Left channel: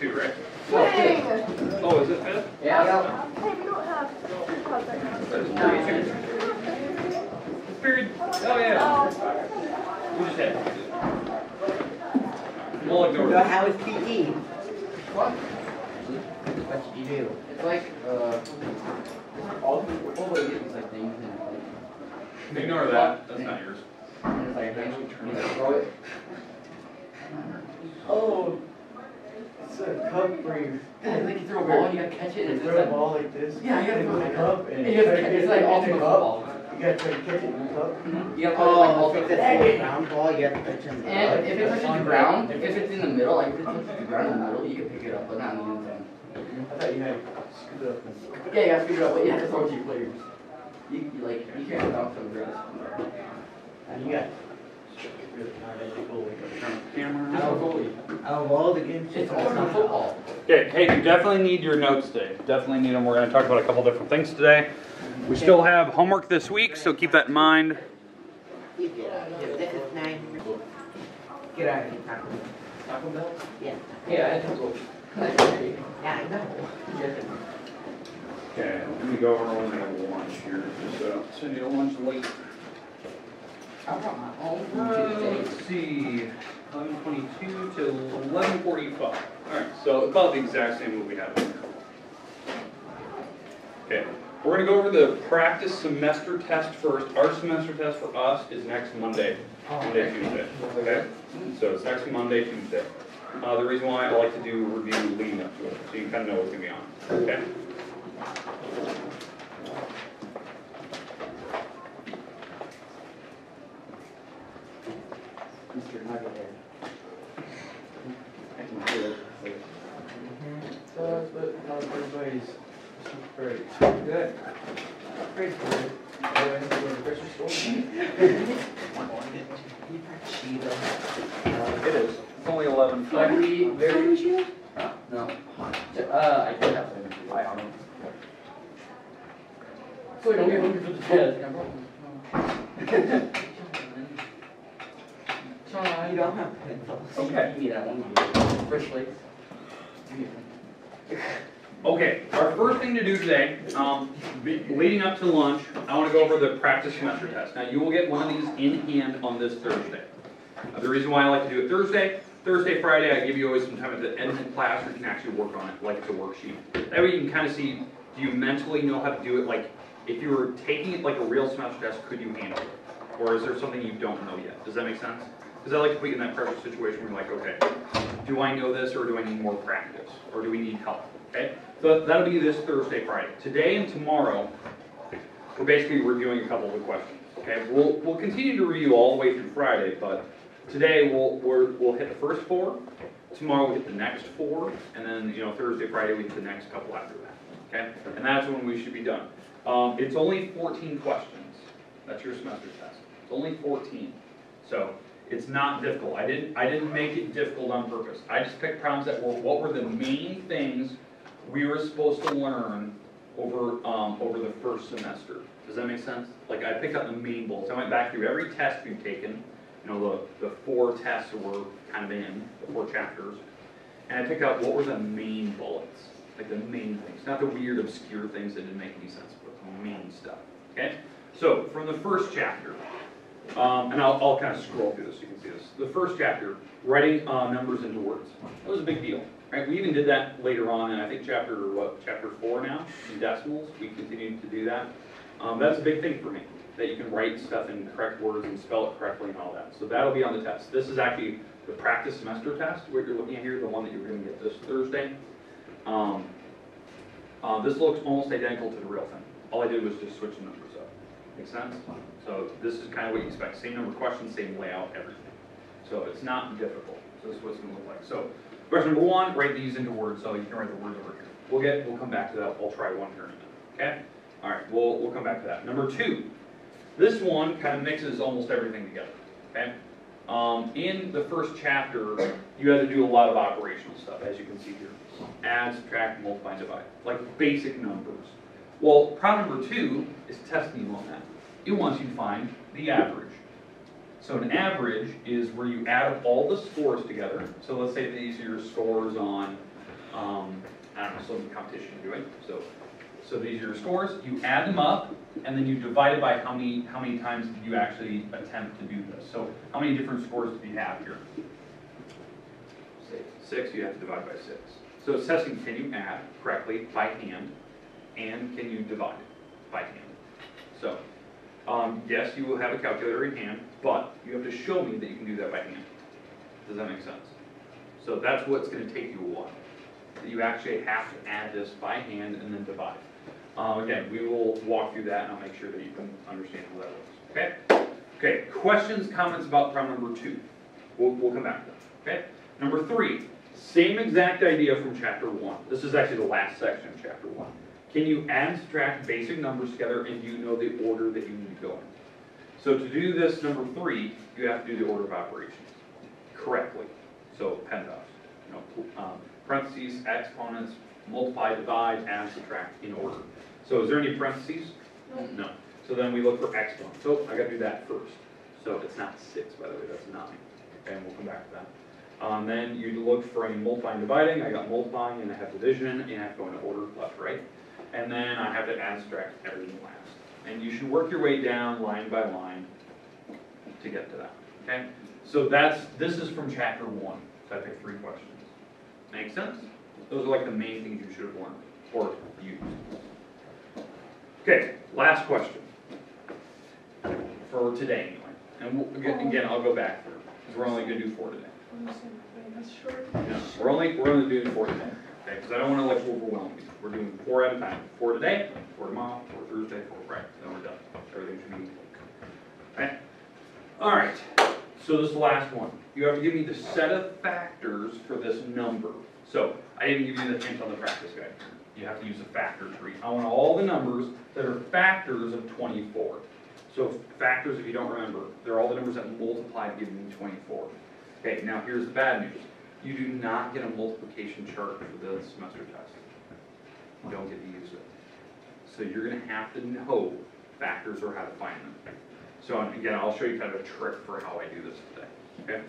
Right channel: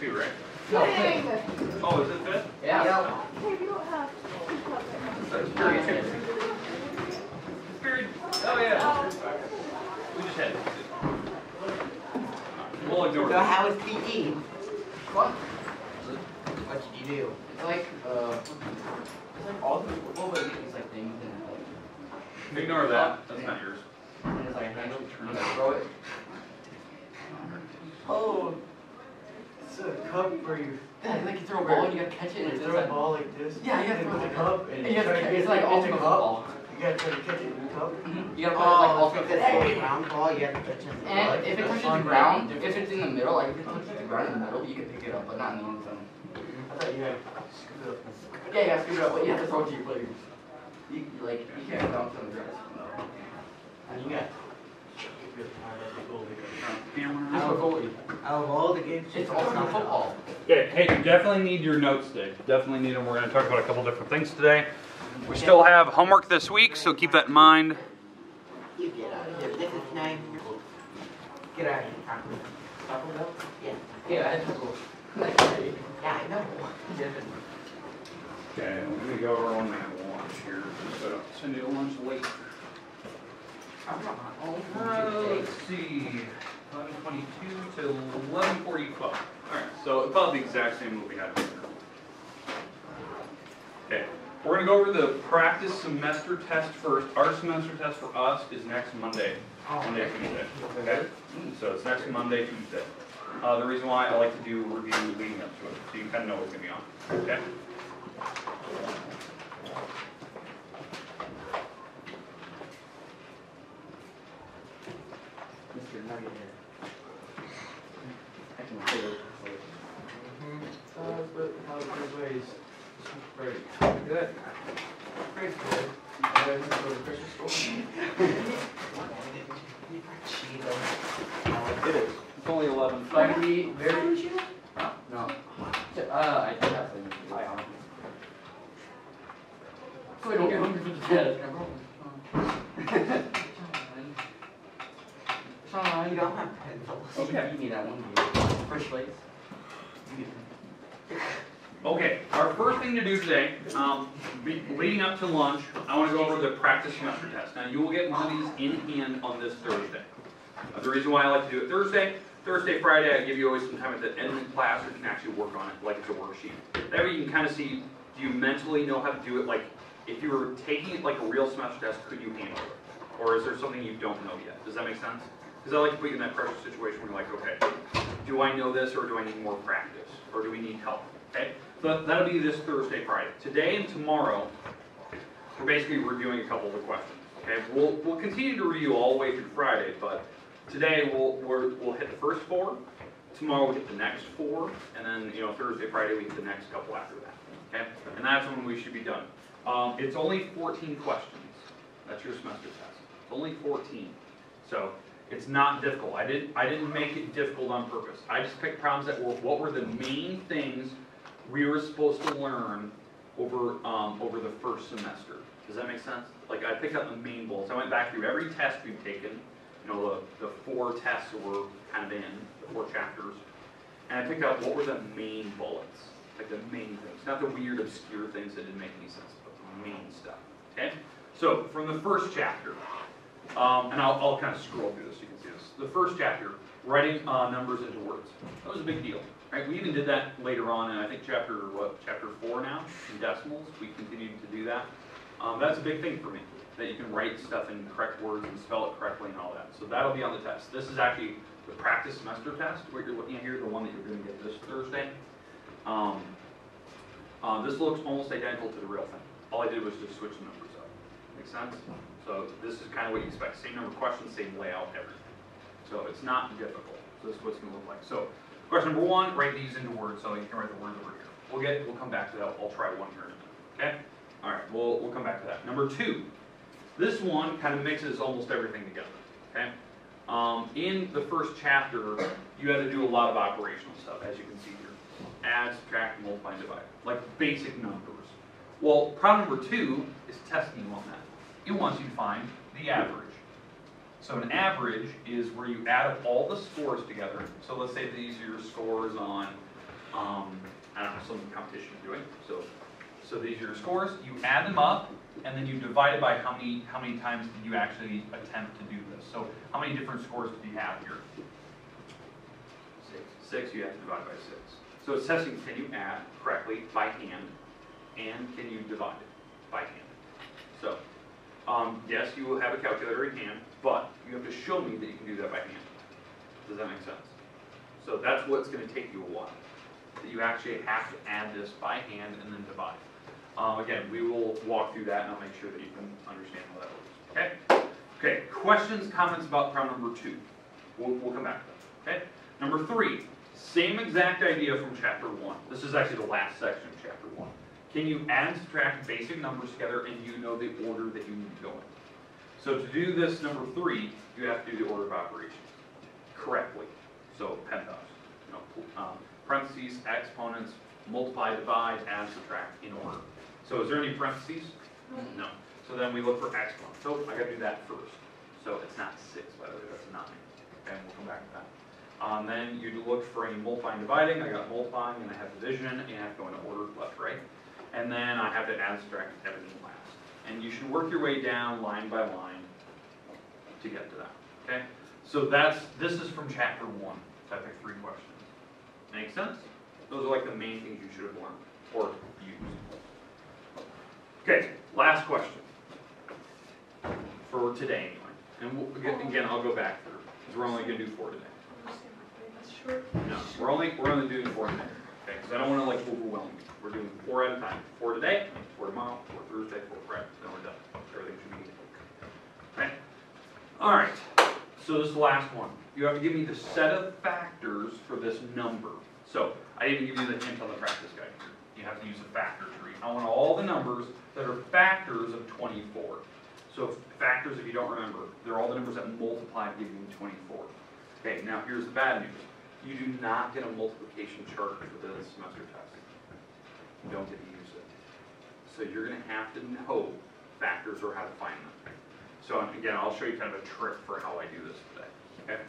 here too, right? No. Oh, is it fifth? Yeah. Period. Oh yeah. We just had. We'll ignore So it. how is PE? What? What did you do? It's like all these like things and Ignore that. That's not yours. and it's like a handle and you throw it. Oh, it's a cup where you Yeah, like you throw a ball and you gotta catch it and it's throw a ball like this. Yeah, you gotta with throw a it. cup and And you have try to, to it's get like it in ultimate the cup. football. You gotta try to catch it in the cup. You gotta put it like Oh, if ultimate. it's a round ball, you have to catch it in the And butt. if it touches the ground, if it's in the middle, like if it touches the ground in the middle, you can pick it up, but not in the end zone. I thought you had to scoot up. Yeah, you have to pick it up, but you have to throw it to your players. You like you can't bounce on the ground. No. And you got really hard at the goal. Camera. Just a goalie. Out of all the games, It's ultimate football. Okay, hey, you definitely need your notes today. Definitely need them. We're going to talk about a couple different things today. We still have homework this week, so keep that in mind. You get out of here. This is nice. Get out of here, Taco. Taco Bell? Yeah. Yeah, I just go. Yeah, I know. Okay, let me go over when we have lunch here. So send you a lunch late. I brought my own food today. Let's see, 11:22 to 11:45. All right, so about the exact same that we had in here. Okay, we're going to go over the practice semester test first. Our semester test for us is next Monday, Tuesday. Okay, so it's next Monday, Tuesday. The reason why I like to do review leading up to it, so you kind of know what's going to be on. Okay. Mr. Nuggethead. I can feel it. But not everybody's super good. Great for it. I have to go to the grocery store. It is. It's only 11. Like we very. No. I did have to buy out. So I don't get hungry for the test. Remember? You don't have pencils. Okay. Give me that one. Fresh plates. Okay, our first thing to do today, leading up to lunch, I want to go over the practice semester test. Now, you will get one of these in hand on this Thursday. The reason why I like to do it Thursday, Friday, I give you always some time at the end of the class where you can actually work on it like it's a worksheet. That way you can kind of see, do you mentally know how to do it? Like, if you were taking it like a real semester test, could you handle it? Or is there something you don't know yet? Does that make sense? Because I like to put you in that pressure situation where you're like, okay, do I know this or do I need more practice? Or do we need help? Okay? So that'll be this Thursday, Friday. Today and tomorrow, we're basically reviewing a couple of the questions. Okay? We'll continue to review all the way through Friday, but today we'll hit the first 4. Tomorrow we'll hit the next 4, and then Thursday, Friday we hit the next couple after that. Okay? And that's when we should be done. It's only 14 questions. That's your semester test. It's only 14. So it's not difficult. I didn't make it difficult on purpose. I just picked problems that were what were the main things we were supposed to learn over the first semester. Does that make sense? Like I picked up the main bullets. I went back through every test we've taken. The 4 tests we're kind of in, the 4 chapters, and I picked out what were the main bullets, like the main things, not the weird, obscure things that didn't make any sense, but the main stuff. Okay. So from the first chapter. And I'll kind of scroll through this so you can see this. The first chapter, writing numbers into words. That was a big deal. Right? We even did that later on, and I think chapter 4 now, in decimals. We continued to do that. That's a big thing for me, that you can write stuff in correct words and spell it correctly and all that. So that'll be on the test. This is actually the practice semester test, what you're looking at here, the one that you're going to get this Thursday. This looks almost identical to the real thing. All I did was just switch the numbers up. Make sense? So this is kind of what you expect. Same number of questions, same layout, everything. So it's not difficult. So this is what it's going to look like. So question number 1, write these into words. So you can write the words over here. We'll come back to that. I'll try one here in a minute. Okay? All right. We'll come back to that. Number 2. This one kind of mixes almost everything together. Okay? In the first chapter, you had to do a lot of operational stuff, as you can see here. Add, subtract, multiply, and divide. Like basic numbers. Well, problem number 2 is testing you on that. It wants you to find the average. So an average is where you add up all the scores together. So let's say these are your scores on I don't know, some competition you're doing. So these are your scores. You add them up, and then you divide it by how many times did you actually attempt to do this. So how many different scores do you have here? 6. You have to divide by 6. So it's testing, can you add correctly by hand, and can you divide it by hand? So, yes, you will have a calculator in hand, but you have to show me that you can do that by hand. Does that make sense? So that's what's going to take you a while. That you actually have to add this by hand and then divide. Again, we will walk through that and I'll make sure that you can understand how that works. Okay? Okay, questions, comments about problem number 2. We'll come back to that. Okay? Number 3, same exact idea from chapter 1. This is actually the last section of chapter 1. Can you add and subtract basic numbers together and do you know the order that you need to go in? So to do this number 3, you have to do the order of operations correctly. So PEMDAS, parentheses, exponents, multiply, divide, add, subtract in order. So is there any parentheses? No. So then we look for exponents. So I got to do that first. So it's not 6, by the way, that's 9. And we'll come back to that. Then you look for any multiplying, dividing. I got multiplying and I have division and I have to go in order, left, right. And then I have to add, subtract everything last. And you should work your way down line by line to get to that. Okay? So this is from chapter 1. So I picked 3 questions. Make sense? Those are like the main things you should have learned or used. Okay, last question for today anyway. And again, I'll go back through because we're only going to do 4 today. No, we're only doing 4 today. Okay, because I don't want to like overwhelm you. We're doing 4 at a time. 4 today, 4 tomorrow, 4 Thursday, 4 Friday. Then we're done. Everything should be okay. All right. So this is the last one. You have to give me the set of factors for this number. So I didn't give you the hint on the practice guide. You have to use a factor tree. I want all the numbers that are factors of 24. So factors, if you don't remember, they're all the numbers that multiply to give you 24. Okay, now here's the bad news. You do not get a multiplication chart for the semester test. You don't get to use it. So you're going to have to know factors or how to find them. So again, I'll show you kind of a trick for how I do this today. Okay?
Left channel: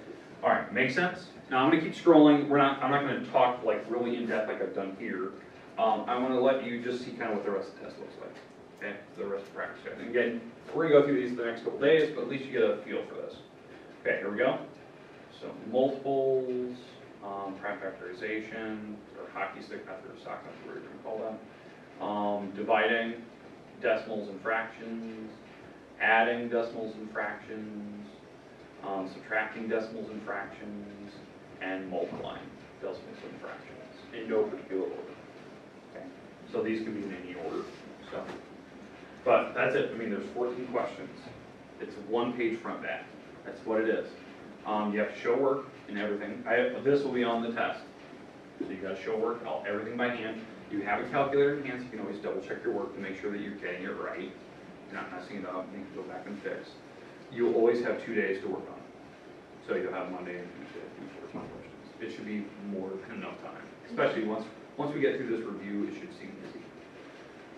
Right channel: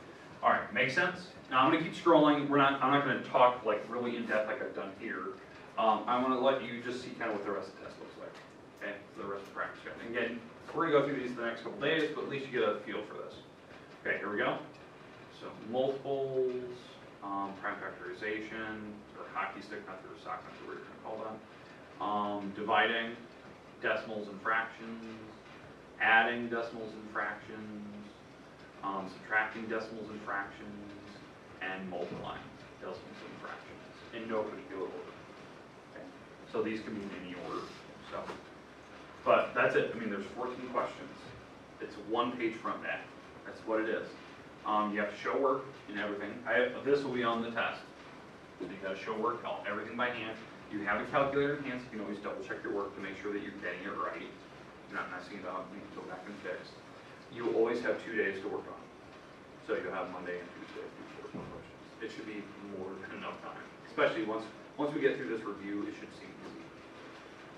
All right, make sense? Now I'm going to keep scrolling. I'm not going to talk like really in depth like I've done here. I want to let you just see kind of what the rest of the test looks like. Okay, the rest of the practice guide. And again, we're going to go through these the next couple days, but at least you get a feel for this. Okay, here we go. So multiples, prime factorization, or hockey stick method, or sock method, whatever you're going to call them. Dividing decimals and fractions, adding decimals and fractions, subtracting decimals and fractions, and multiplying decimals and fractions in no particular order. Okay? So these can be in any order. So, but that's it. I mean, there's 14 questions. It's 1 page front back. That's what it is. You have to show work and everything. This will be on the test. So you got to show work, everything by hand. You have a calculator in hand, so you can always double check your work to make sure that you're getting it right. You're not messing it up, you can go back and fix. You will always have 2 days to work on it. So you'll have Monday and Tuesday to do 14 questions. It should be more than enough time. Especially once we get through this review, it should seem easy.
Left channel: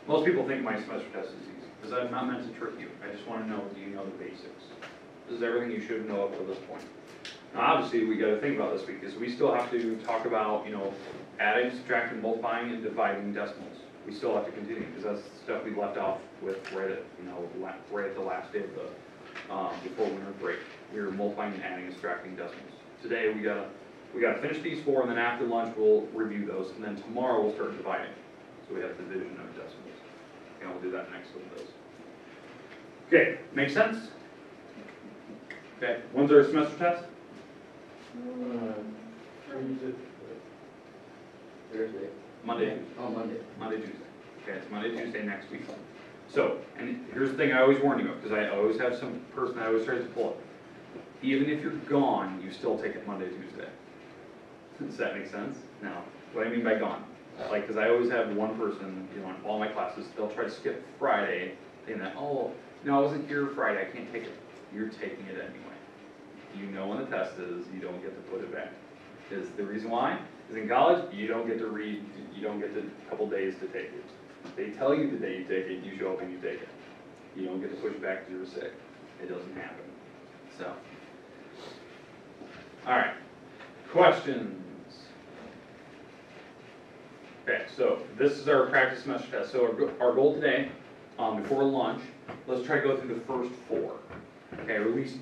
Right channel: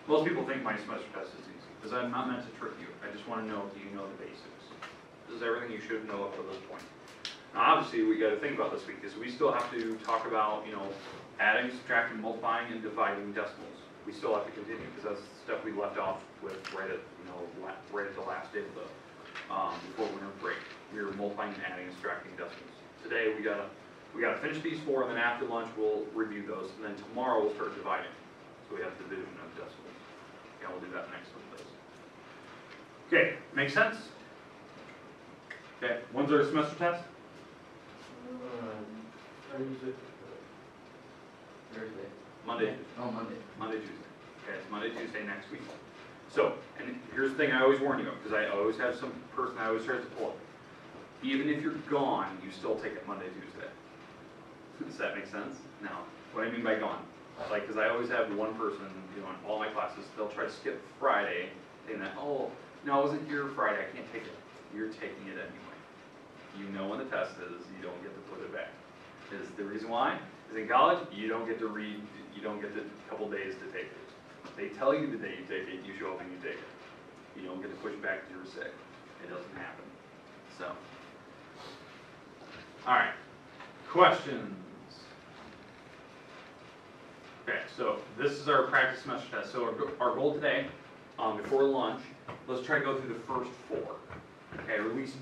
Most people think my semester test is easy, because I'm not meant to trick you. I just want to know, do you know the basics? This is everything you should know up to this point. Now obviously we got to think about this week, is we still have to talk about, adding, subtracting, multiplying, and dividing decimals. We still have to continue, because that's stuff we left off with right at the last day of the, before winter break. We were multiplying and adding and subtracting decimals. Today we gotta finish these 4, and then after lunch we'll review those, and then tomorrow we'll start dividing. So we have division of decimals. And we'll do that next couple days. Okay, make sense? Okay, when's our semester test? Thursday. Monday, Tuesday. Oh, Monday. Monday, Tuesday. Okay, it's Monday, Tuesday next week. So, and here's the thing I always warn you of, because I always have some person that always tries to pull up. Even if you're gone, you still take it Monday, Tuesday. Does that make sense? No. What do I mean by gone? Like, because I always have one person, in all my classes, they'll try to skip Friday, saying that, oh, no, I wasn't here Friday, I can't take it. You're taking it anyway. You know when the test is, you don't get to put it back. Is the reason why? Is in college, you don't get to read, you don't get the couple days to take it. They tell you the day you take it, you show up and you take it. You don't get to push back because you're sick. It doesn't happen. So, all right. Questions? so this is our practice semester test. So our goal today, before lunch, let's try to go through the first 4. Okay, or at least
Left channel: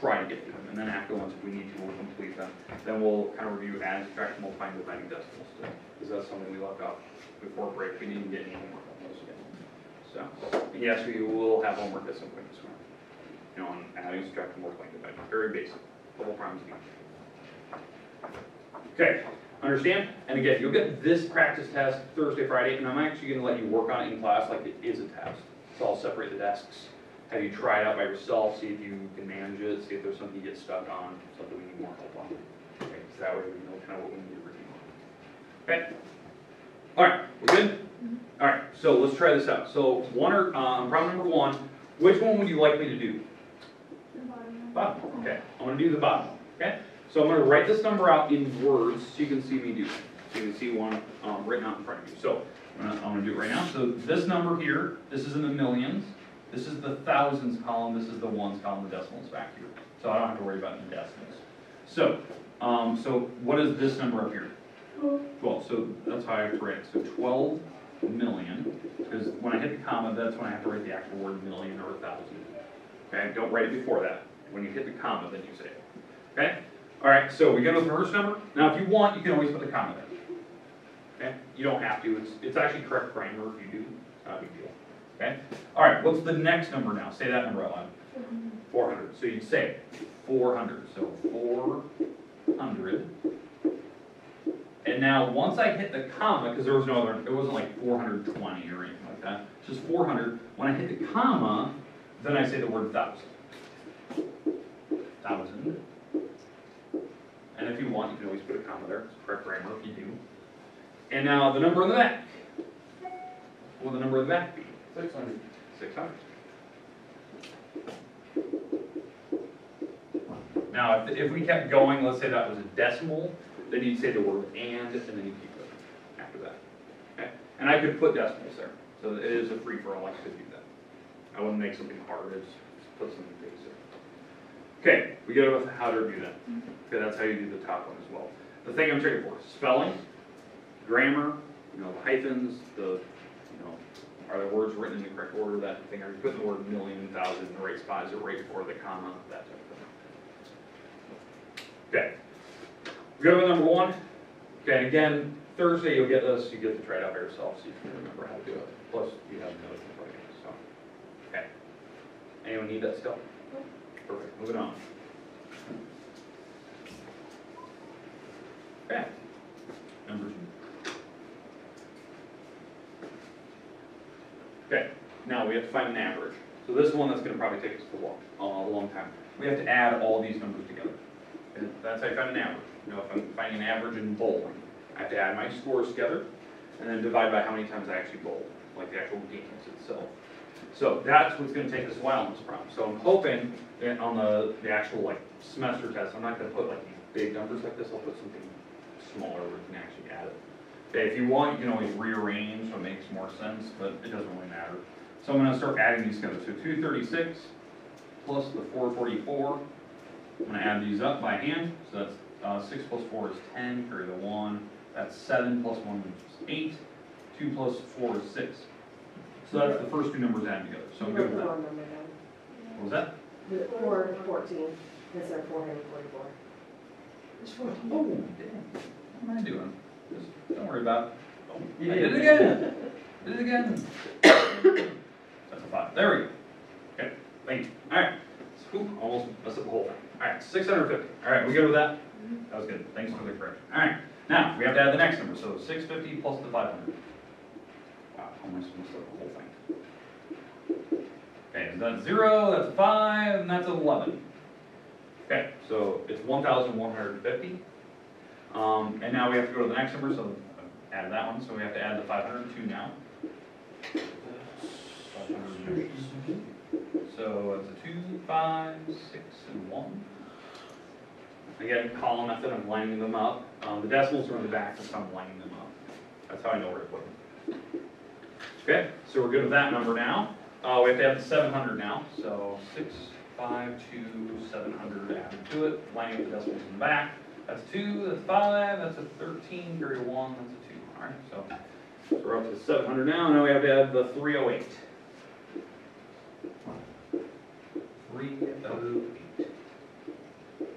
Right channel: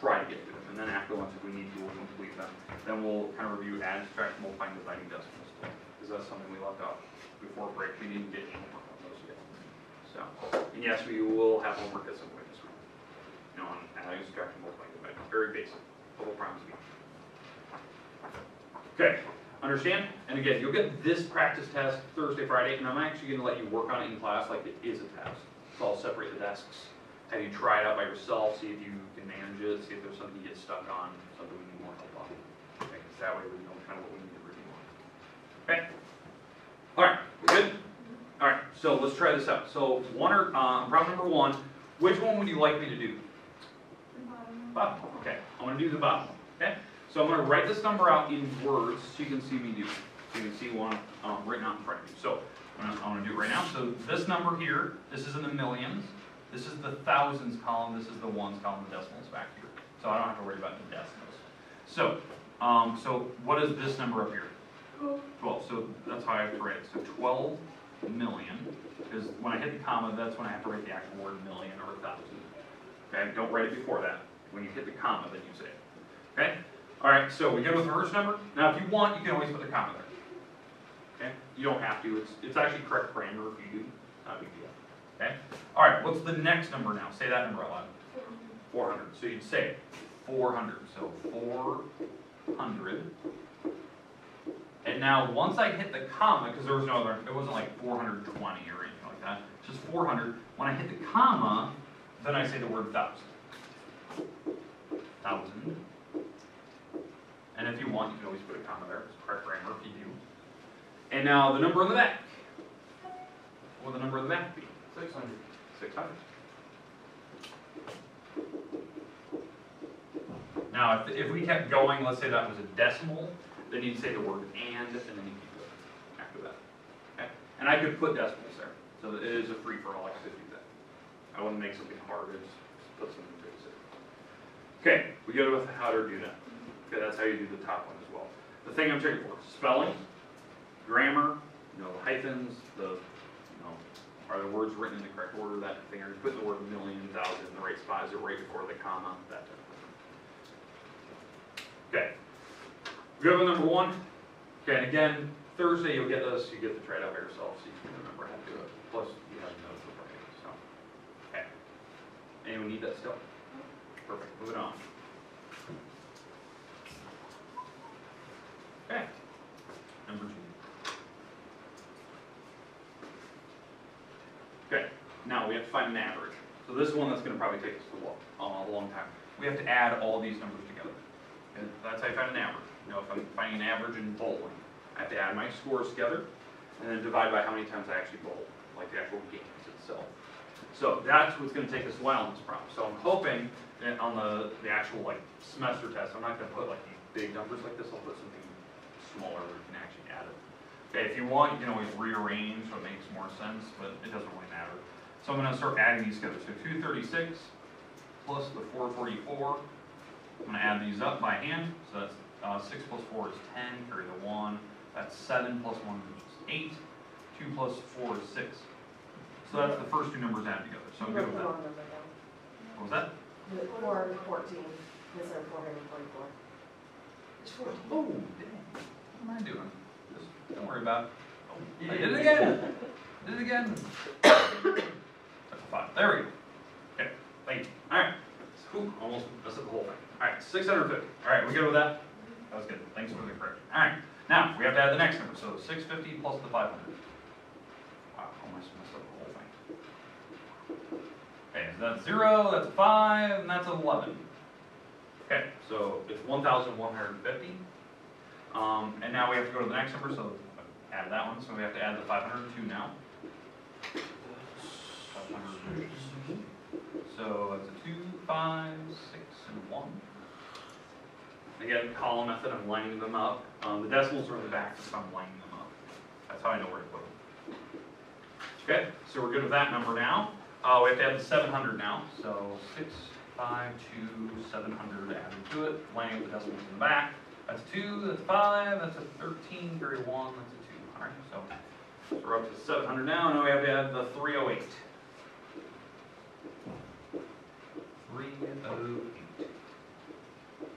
try to get through them, and then after lunch, if we need to, we'll complete them. Then we'll kind of review add, subtract, multiplying, dividing decimals too, because that's something we left out before break. We didn't get any homework on those yet. So, and yes, we will have homework at some point this week. You know, on adding, subtracting, multiplying, dividing. Very basic. The whole problem's again. Okay, understand? And again, you'll get this practice test Thursday, Friday, and I'm actually going to let you work on it in class like it is a test. So I'll separate the desks. Have you try it out by yourself, see if you can manage it, see if there's something you get stuck on, something we need more help on. Okay, so that way we know kind of what we need to review on. Okay? Alright, we good? Alright, so let's try this out. So problem number 1, which one would you like me to do? Bottom. Okay, I'm going to do the bottom one. Okay? So I'm going to write this number out in words so you can see me do it. So you can see one written out in front of you. So I'm going to do it right now. So this number here, this is in the millions. This is the thousands column, this is the ones column, the decimals back here. So I don't have to worry about the decimals. So, so what is this number up here? 12, so that's how I have to write it. So 12 million, because when I hit the comma, that's when I have to write the actual word million or 1,000. Okay, don't write it before that. When you hit the comma, then you say it. Okay? All right, so we go with the first number. Now, if you want, you can always put the comma there. Okay? You don't have to. It's actually correct grammar if you do. It's not a big deal. Okay? All right, what's the next number now? Say that number out loud. 400. So you'd say 400. So 400. And now once I hit the comma, because there was no other, it wasn't like 420 or anything like that. It's just 400. When I hit the comma, then I say the word thousand. Thousand. And if you want, you can always put a comma there. It's correct grammar if you do. And now the number on the back. What would the number on the back be? 600. 600. Now, if we kept going, let's say that was a decimal, then you'd say the word and then you keep going after that. Okay? And I could put decimals there. So it is a free-for-all. I could do that. I wouldn't make something hard. I just put something basic. Okay, we go with how to do that. Okay, that's how you do the top one as well. The thing I'm checking for: spelling, grammar, the hyphens, are the words written in the correct order, that thing. Are you putting the word million, thousand in the right spot? Is it right before the comma? That type of thing. Okay. We go to number 1. Okay, and again, Thursday you'll get this. You get to try it out by yourself so you can remember how to do it. Plus, you have notes before you. So, okay. Anyone need that still? Perfect. Moving on. Okay. Number 2. Okay, now we have to find an average. So this is one that's going to probably take us a long time. We have to add all these numbers together. Okay? That's how you find an average. If I'm finding an average in bowling, I have to add my scores together and then divide by how many times I actually bowled, like the actual games itself. So that's what's going to take us a while on this problem. So I'm hoping that on the actual semester test, I'm not going to put these big numbers like this. I'll put something smaller where you can actually add it. Okay, if you want, you can always rearrange so it makes more sense, but it doesn't really matter. So I'm going to start adding these together. So 236 plus the 444. I'm going to add these up by hand. So that's 6 plus 4 is 10, carry the 1. That's 7 plus 1 is 8. 2 plus 4 is 6. So that's the first 2 numbers added together. So I'm good with that. What was that? 4 and 14 instead of 444. Oh, dang. What am I doing? Just don't worry about it. Oh, I did it again. Did it again. That's a 5. There we go. Okay, thank you. All right. Almost messed up the whole thing. All right, 650. All right, we good with that? That was good. Thanks for the correction. All right, now we have to add the next number. So 650 plus the 500. Wow, almost messed up the whole thing. Okay, so that's 0, that's a 5, and that's 11. Okay, so it's 1,150. And now we have to go to the next number, so add that one. So we have to add the 502 now. 500. So it's a 2, 5, 6, and 1. Again, column method, I'm lining them up. The decimals are in the back, so I'm lining them up. That's how I know where to put them. Okay, so we're good with that number now. We have to add the 700 now. So 6, 5, 2, 700 added to it. Lining up the decimals in the back. That's 2, that's 5, that's a 13, carry 1, that's a 2. All right, so So we're up to 700 now, and now we have to add the 308. 308.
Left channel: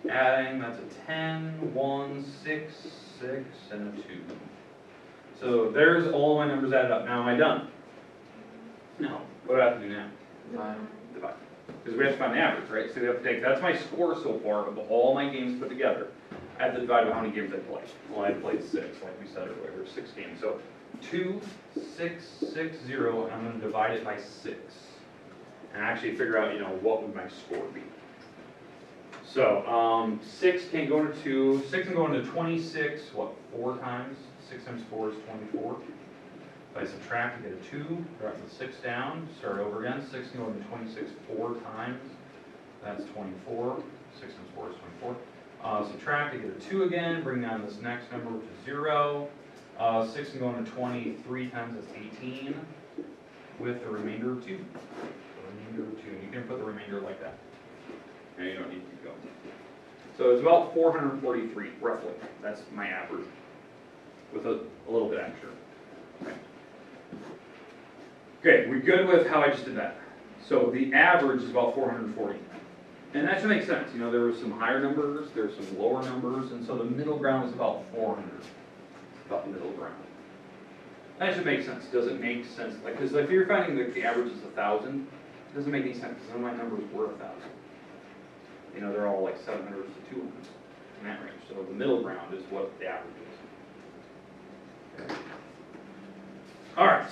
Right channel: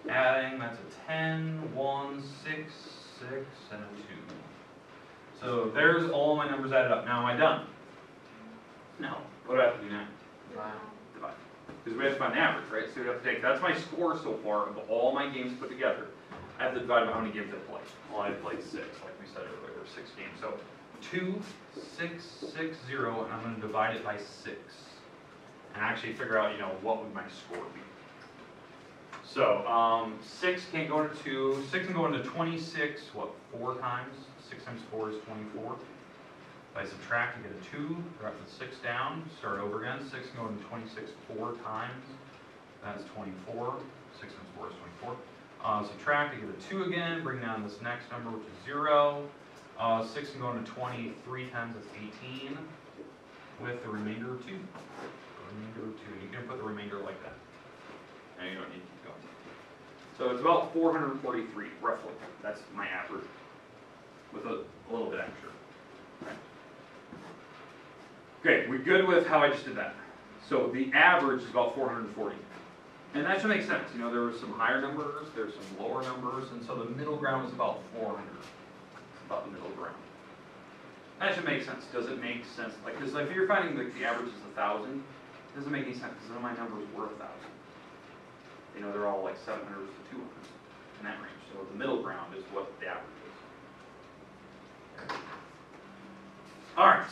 Adding, that's a 10, 1, 6, 6, and a 2. So there's all my numbers added up. Now am I done? No. What do I have to do now? Divide. Because we have to find the average, right? So we have to take, that's my score so far of all my games put together. I have to divide by how many games I played. Well, I played 6, like we said earlier, 6 games. So 2, 6, 6, 0, and I'm going to divide it by 6. And actually figure out, what would my score be. So 6 can't go into 2. 6 can go into 26, 4 times? 6 times 4 is 24. If I subtract, I get a 2, drop the 6 down, start over again. 6 can go into 26 4 times. That's 24. 6 times 4 is 24. Subtract, I get a 2 again, bring down this next number, which is 0. 6 can go into 23 times, that's 18, with the remainder of 2. The remainder of 2. You can put the remainder like that. And you don't need to keep going. So it's about 443, roughly. That's my average, with a little bit extra. Okay, we good with how I just did that? So the average is about 440. And that should make sense. There were some higher numbers, there's some lower numbers, and so the middle ground is about 400. It's about the middle ground. That should make sense. Does it make sense? Because if you're finding that the average is 1,000, it doesn't make any sense because none of my numbers were 1,000. They're all like 700s to 200s in that range. So the middle ground is what the average is. Okay. All right.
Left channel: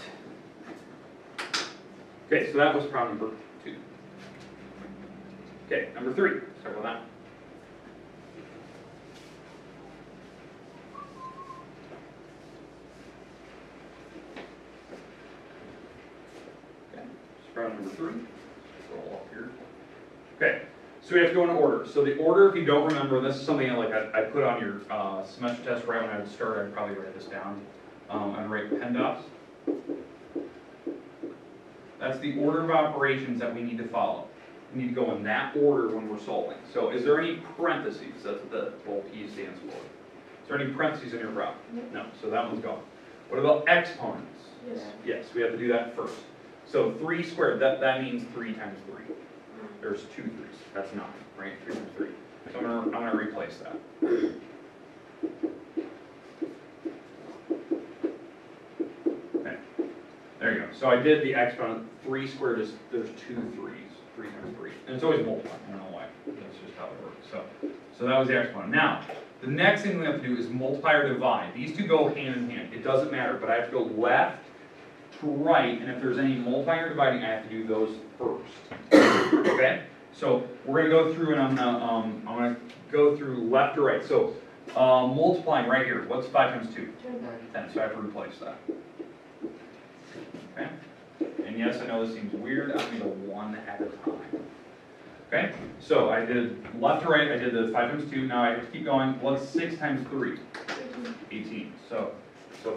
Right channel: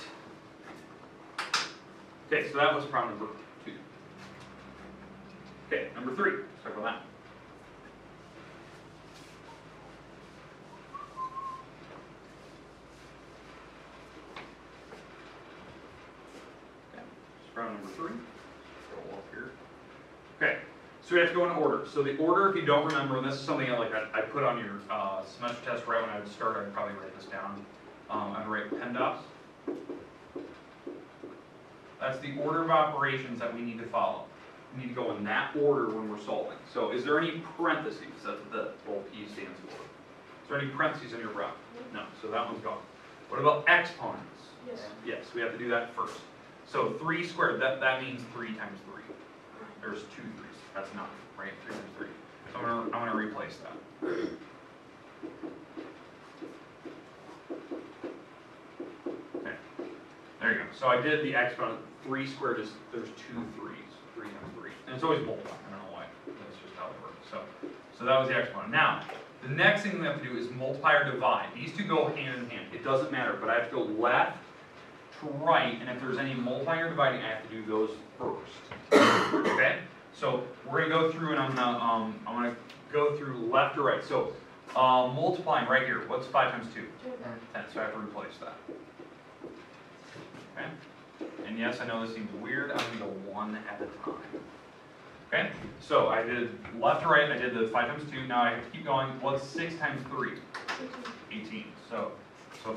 Okay, so that was problem number 2. Okay, number 3. Let's talk about that. Okay, so problem number 3. Roll off here. Okay, so we have to go in order. So the order, if you don't remember, this is something I put on your semester test right when I would start. I'd probably write this down. I'd write PEMDAS. That's the order of operations that we need to follow. We need to go in that order when we're solving. So is there any parentheses? That's what the little P stands for. Is there any parentheses in your graph? No, so that one's gone. What about exponents? Yes. Yes, we have to do that first. So 3 squared, that means 3 times 3. There's 2 3s. That's 9, right? 3 times 3. So I'm gonna replace that. Okay. There you go. So I did the exponent. 3 squared is, there's 2 3s. 3 times 3. And it's always multiplying. I don't know why. That's just how it works. So that was the exponent. Now, the next thing we have to do is multiply or divide. These two go hand in hand. It doesn't matter, but I have to go left to right, and if there's any multiplying or dividing, I have to do those first. Okay? So we're gonna go through, and I'm gonna go through left to right. So multiplying right here. What's 5 times 2? 10. So I have to replace that. Okay? And yes, I know this seems weird. I'm gonna go 1 at a time. Okay? So I did left to right. I did the 5 times 2. Now I have to keep going. What's 6 times 3? 18. So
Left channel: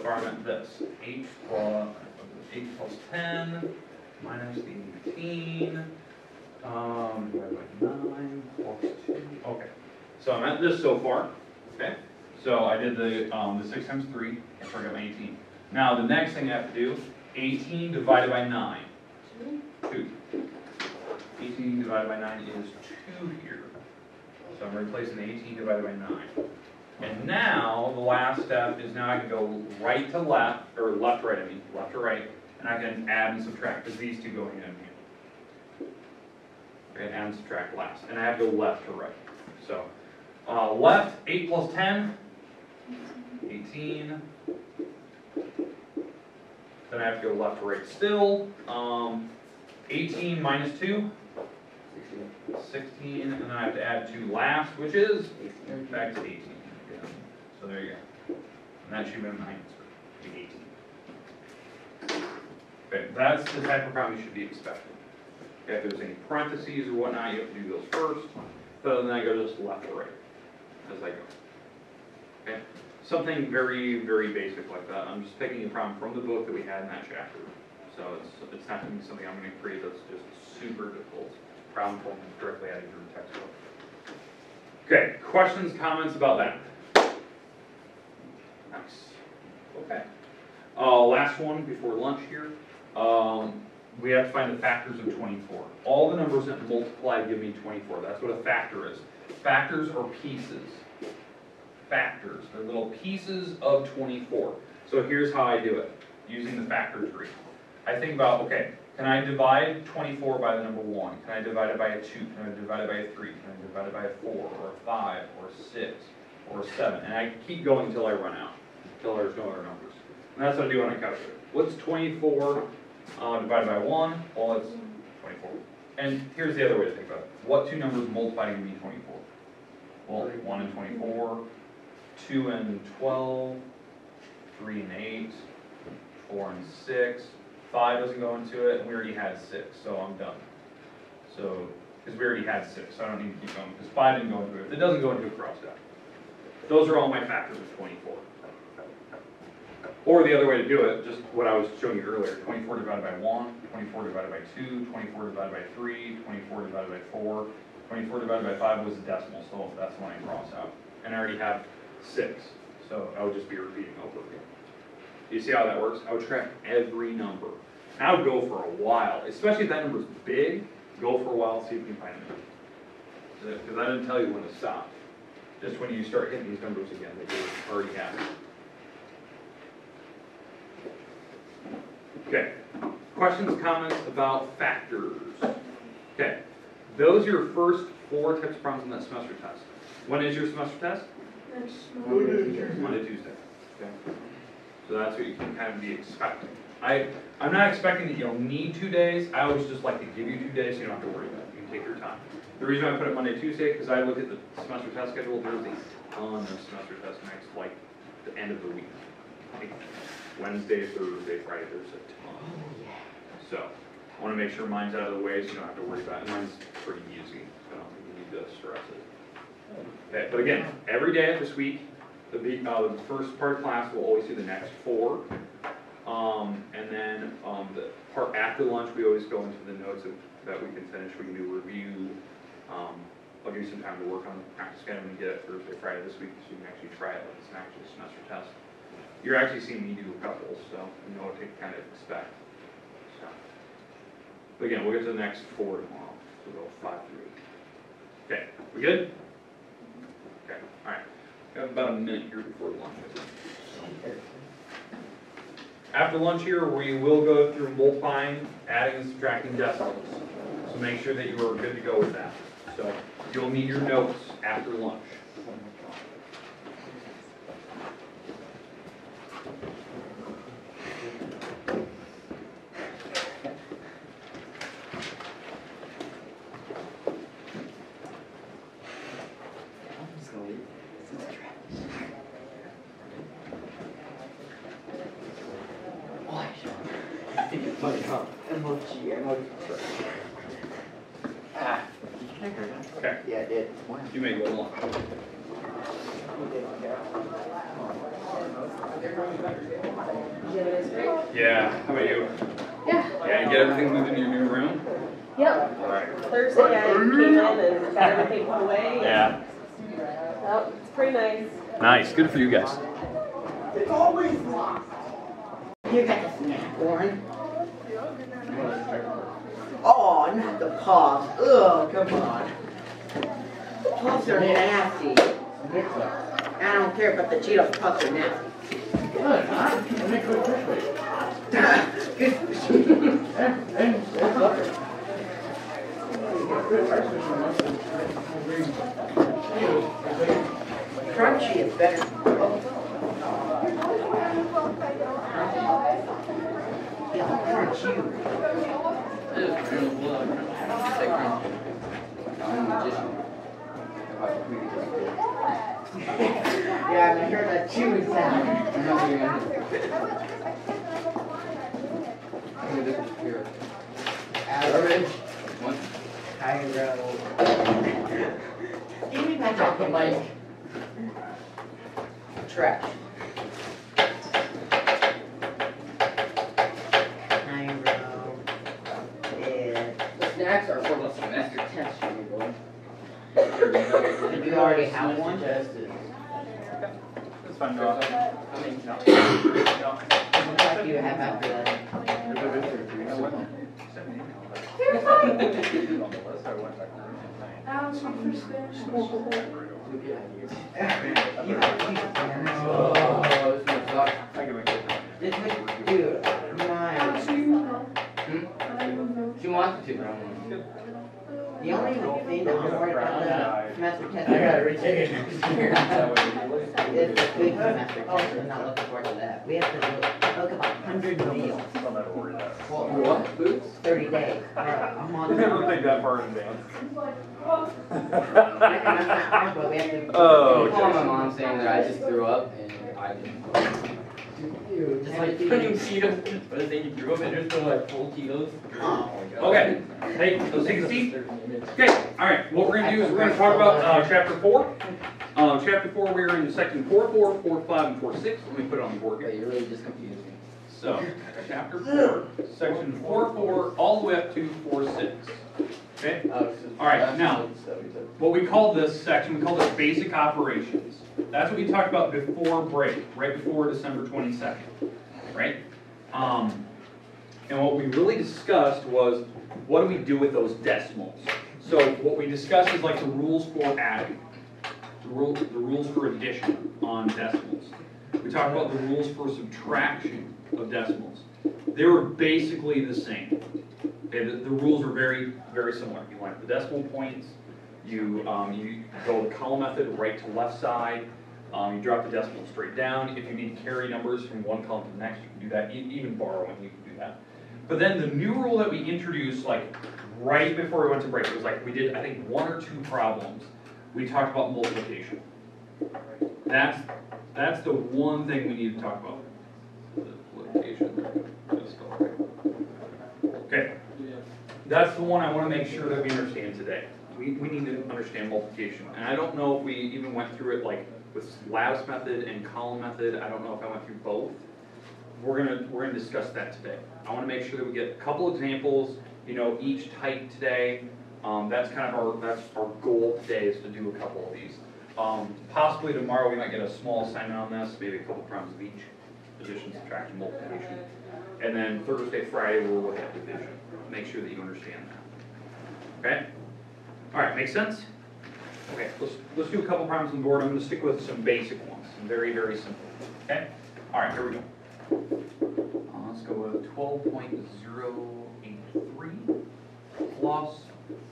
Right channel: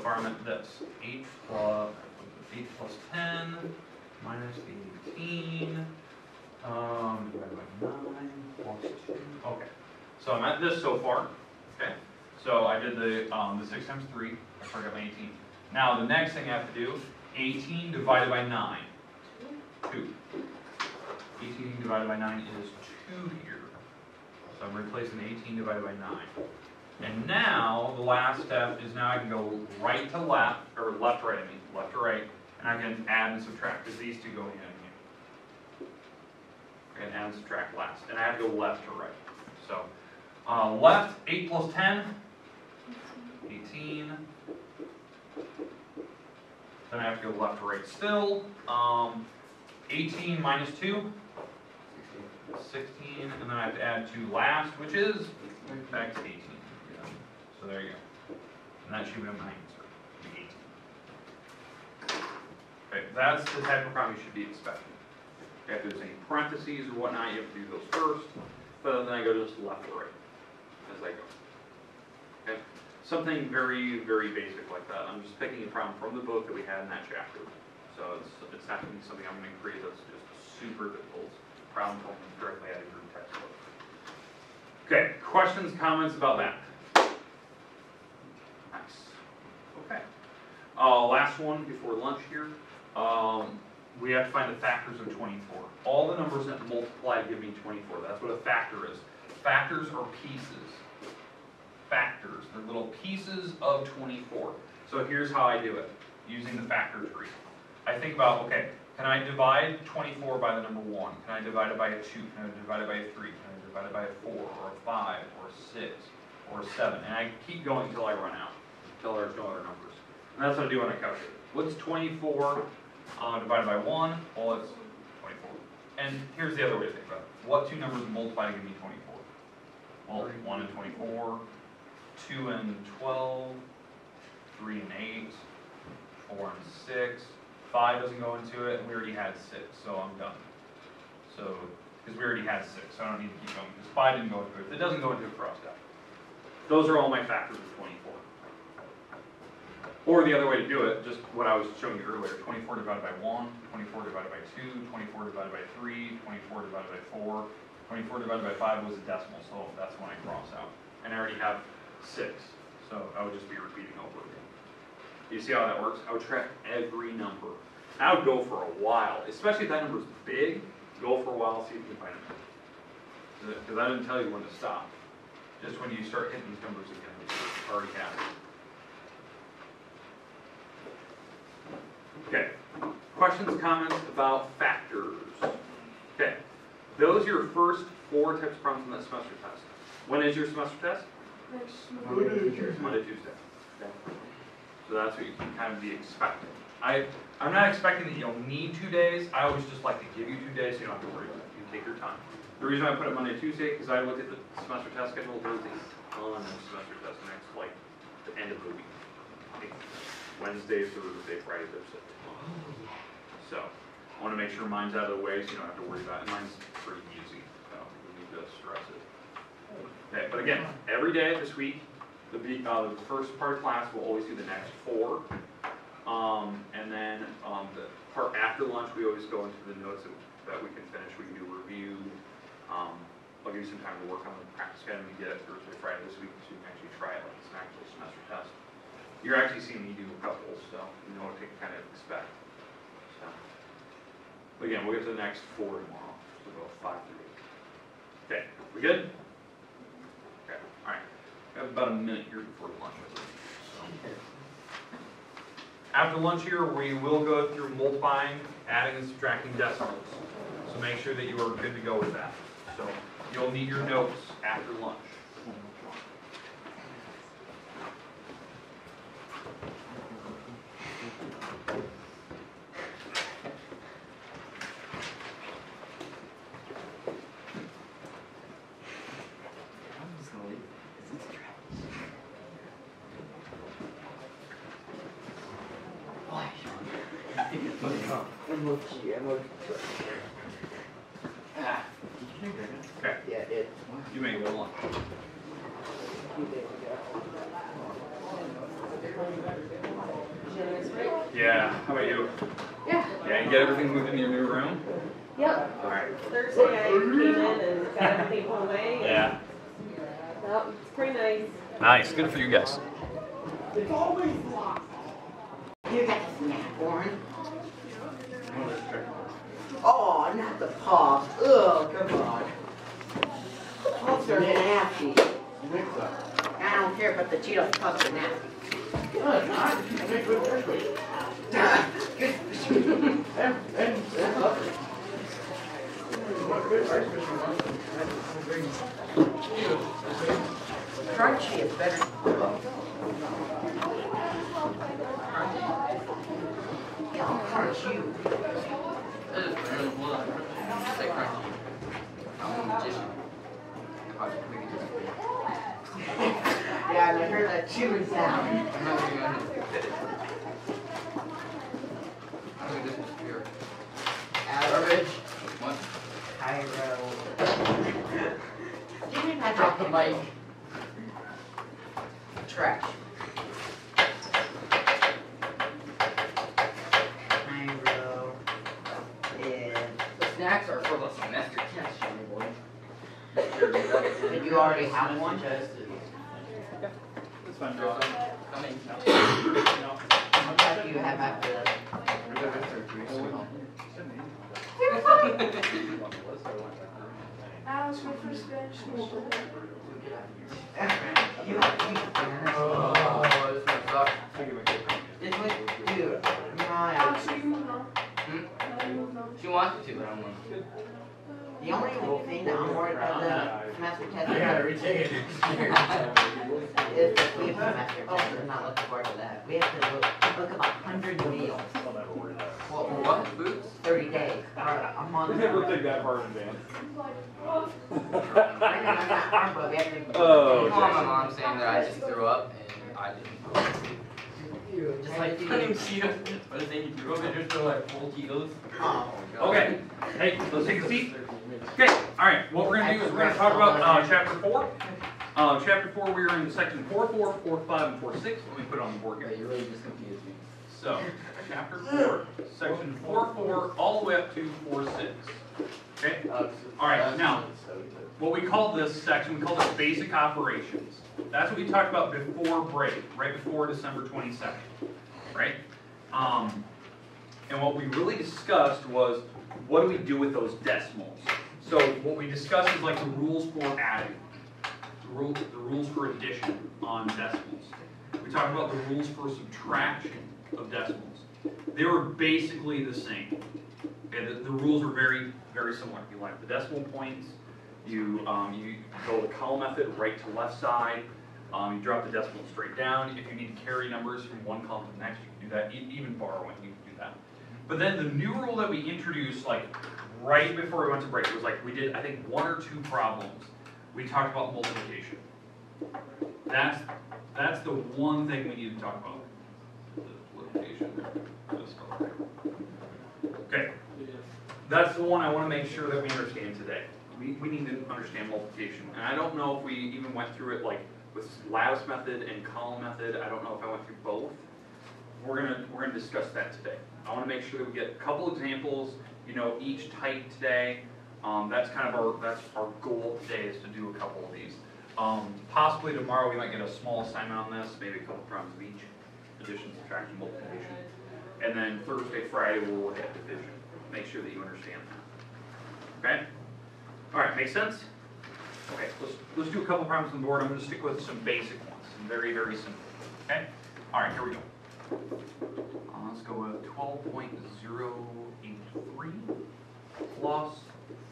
far I'm at this. 8 plus 10 minus the 18. Divided by 9 plus 2. Okay. So I'm at this so far. Okay. So I did the 6 times 3. I forgot my 18. Now the next thing I have to do, 18 divided by 9. 2. 18 divided by 9 is 2 here. So I'm replacing the 18 divided by 9. And now the last step is now I can go right to left, or left to right, left to right, and I can add and subtract, because these two go hand in hand. Okay, add and subtract last. And I have to go left to right. So left, 8 plus 10, 18. Then I have to go left to right still. 18 minus 2, 16, and then I have to add 2 last, which is back to 18. Yeah. So there you go. And that should be my answer, the 18. Okay, that's the type of problem you should be expecting. If there's any parentheses or whatnot, you have to do those first, but then I go just left to right as I go. Okay, something very, very basic like that. I'm just picking a problem from the book that we had in that chapter. So it's not going to be something I'm going to create that's just super difficult. Problem from directly out of your textbook. Okay, questions, comments about that? Nice. Okay. Last one before lunch here. We have to find the factors of 24. All the numbers that multiply give me 24. That's what a factor is. Factors are pieces. Factors. They're little pieces of 24. So here's how I do it, using the factor tree. I think about, okay, can I divide 24 by the number 1? Can I divide it by a 2? Can I divide it by a 3? Can I divide it by a 4, or a 5, or a 6, or a 7? And I keep going until I run out, until there's no other numbers. And that's what I do on a calculator. What's 24 divided by 1? Well, that's 24. And here's the other way to think about it. What two numbers multiply to give me 24? Well, 1 and 24, 2 and 12, 3 and 8, 4 and 6. 5 doesn't go into it, and we already had 6, so I'm done. So, because we already had 6, so I don't need to keep going, because 5 didn't go into it. If it doesn't go into it, cross it out. Those are all my factors of 24. Or the other way to do it, just what I was showing you earlier, 24 divided by 1, 24 divided by 2, 24 divided by 3, 24 divided by 4, 24 divided by 5 was a decimal, so that's the one I cross out. And I already have 6, so I would just be repeating over again. You see how that works? I would track every number. And I would go for a while, especially if that number's big, go for a while, see if you can find it. Because I didn't tell you when to stop. Just when you start hitting these numbers again, that you already have. Okay. Questions, comments about factors? Okay. Those are your first 4 types of problems on that semester test. When is your semester test? Monday, Tuesday. Okay. So that's what you can kind of be expecting. I'm not expecting that you'll need 2 days. I always just like to give you 2 days so you don't have to worry about it. You can take your time. The reason I put it Monday, Tuesday, because I looked at the semester test schedule. There's a ton of semester tests next, like the end of the week. Like Wednesday, Thursday, Friday, there's a ton. So I want to make sure mine's out of the way so you don't have to worry about it. Mine's pretty easy. I don't think we need to stress it. Okay, but again, every day this week, the first part of class will always do the next 4. And then the part after lunch, we always go into the notes that we can finish. We can do review. I'll give you some time to work on the practice guide when you get it Thursday, Friday this week, so you can actually try it like it's an actual semester test. You're actually seeing me do a couple, so you know what to kind of expect. So, but again, we'll get to the next 4 tomorrow. So we'll go 5 through 8. Okay, we good? Okay, all right. Got about a minute here before lunch. I think. So. After lunch here, we will go through multiplying, adding, and subtracting decimals. So make sure that you are good to go with that. So you'll need your notes after lunch. Okay. Yeah, it did. You may go lunch. Did you have a nice break? Yeah. How about you? Yeah. Yeah. You get everything moved into your new room. Yep. All right. Thursday I came in and got everything put away. Yeah. Yep, it's pretty nice. Nice. Good for you guys. It's always locked. You got a snack, Warren. Oh, not the paws. Ugh, come on. The paws are nasty. Mix up. I don't care, but the Cheetos puffs are nasty. Good, huh? Make good fish with it. And supper. Good ice fishing once and Crunchy is better. Crunchy. Yeah, I'll crunch you. Say crunchy. I'm a magician. If I can make it disappear. Yeah, and I heard that chewing sound. I'm not doing it. I'm gonna disappear. Garbage. What? Cairo. Give me that chocolate bite. Trash. Cairo. Yeah. The snacks are for the semester test, you boy. Did you already have one? It's fine, no. I mean, No. have after that. Alex, when you first finished school. Oh, this one sucks. Just wait, dude, Alex, mine. are you moving on? Hmm? Are you moving on? She wants me to, but I don't want to. The only thing that I'm worried about the semester test retake it. is the quick semester test. I'm not looking forward to that. We have to look up 100 meals. What? Boots? 30 days. Or a month. Never think that far in advance. I can understand hard, but we have to. I'm calling my mom saying that I just threw up and I didn't. Dude, just like I couldn't even see it, but I think you threw up and just from like full kilos. Oh. Okay, hey, let's take a seat. Okay, alright, what we're gonna do is we're gonna talk about chapter 4. Chapter 4, we're in section 4.4, 4.5, and 4.6. Let me put it on the board But here. you really just confused me. So, chapter 4, section 4.4, all the way up to 4.6. Okay? Alright, now, what we call this section, we call this basic operations. That's what we talked about before break, right before December 22nd, right? And what we really discussed was, what do we do with those decimals? So what we discussed is like the rules for adding, the rules for addition on decimals. We talked about the rules for subtraction of decimals. They were basically the same. Okay, the rules were very, very similar. You line up the decimal points, you go the column method, right to left side, you drop the decimal straight down. If you need to carry numbers from one column to the next, you can do that. Even borrowing, you can do that. But then the new rule that we introduced, like right before we went to break, it was like we did, I think, 1 or 2 problems. We talked about multiplication. That's the one thing we need to talk about. The multiplication. Okay. That's the one I want to make sure that we understand today. We need to understand multiplication. And I don't know if we even went through it like with lattice method and column method. I don't know if I went through both. We're gonna discuss that today. I want to make sure that we get a couple examples, each type today. That's kind of our goal today is to do a couple of these. Possibly tomorrow we might get a small assignment on this, maybe a couple problems of each, addition, subtraction, multiplication. And then Thursday, Friday we'll look at division. Make sure that you understand that. Okay? All right, make sense? Okay, let's do a couple problems on the board. I'm going to stick with some basic ones, some very, very simple. Okay? All right, here we go. Let's go with 12.083 plus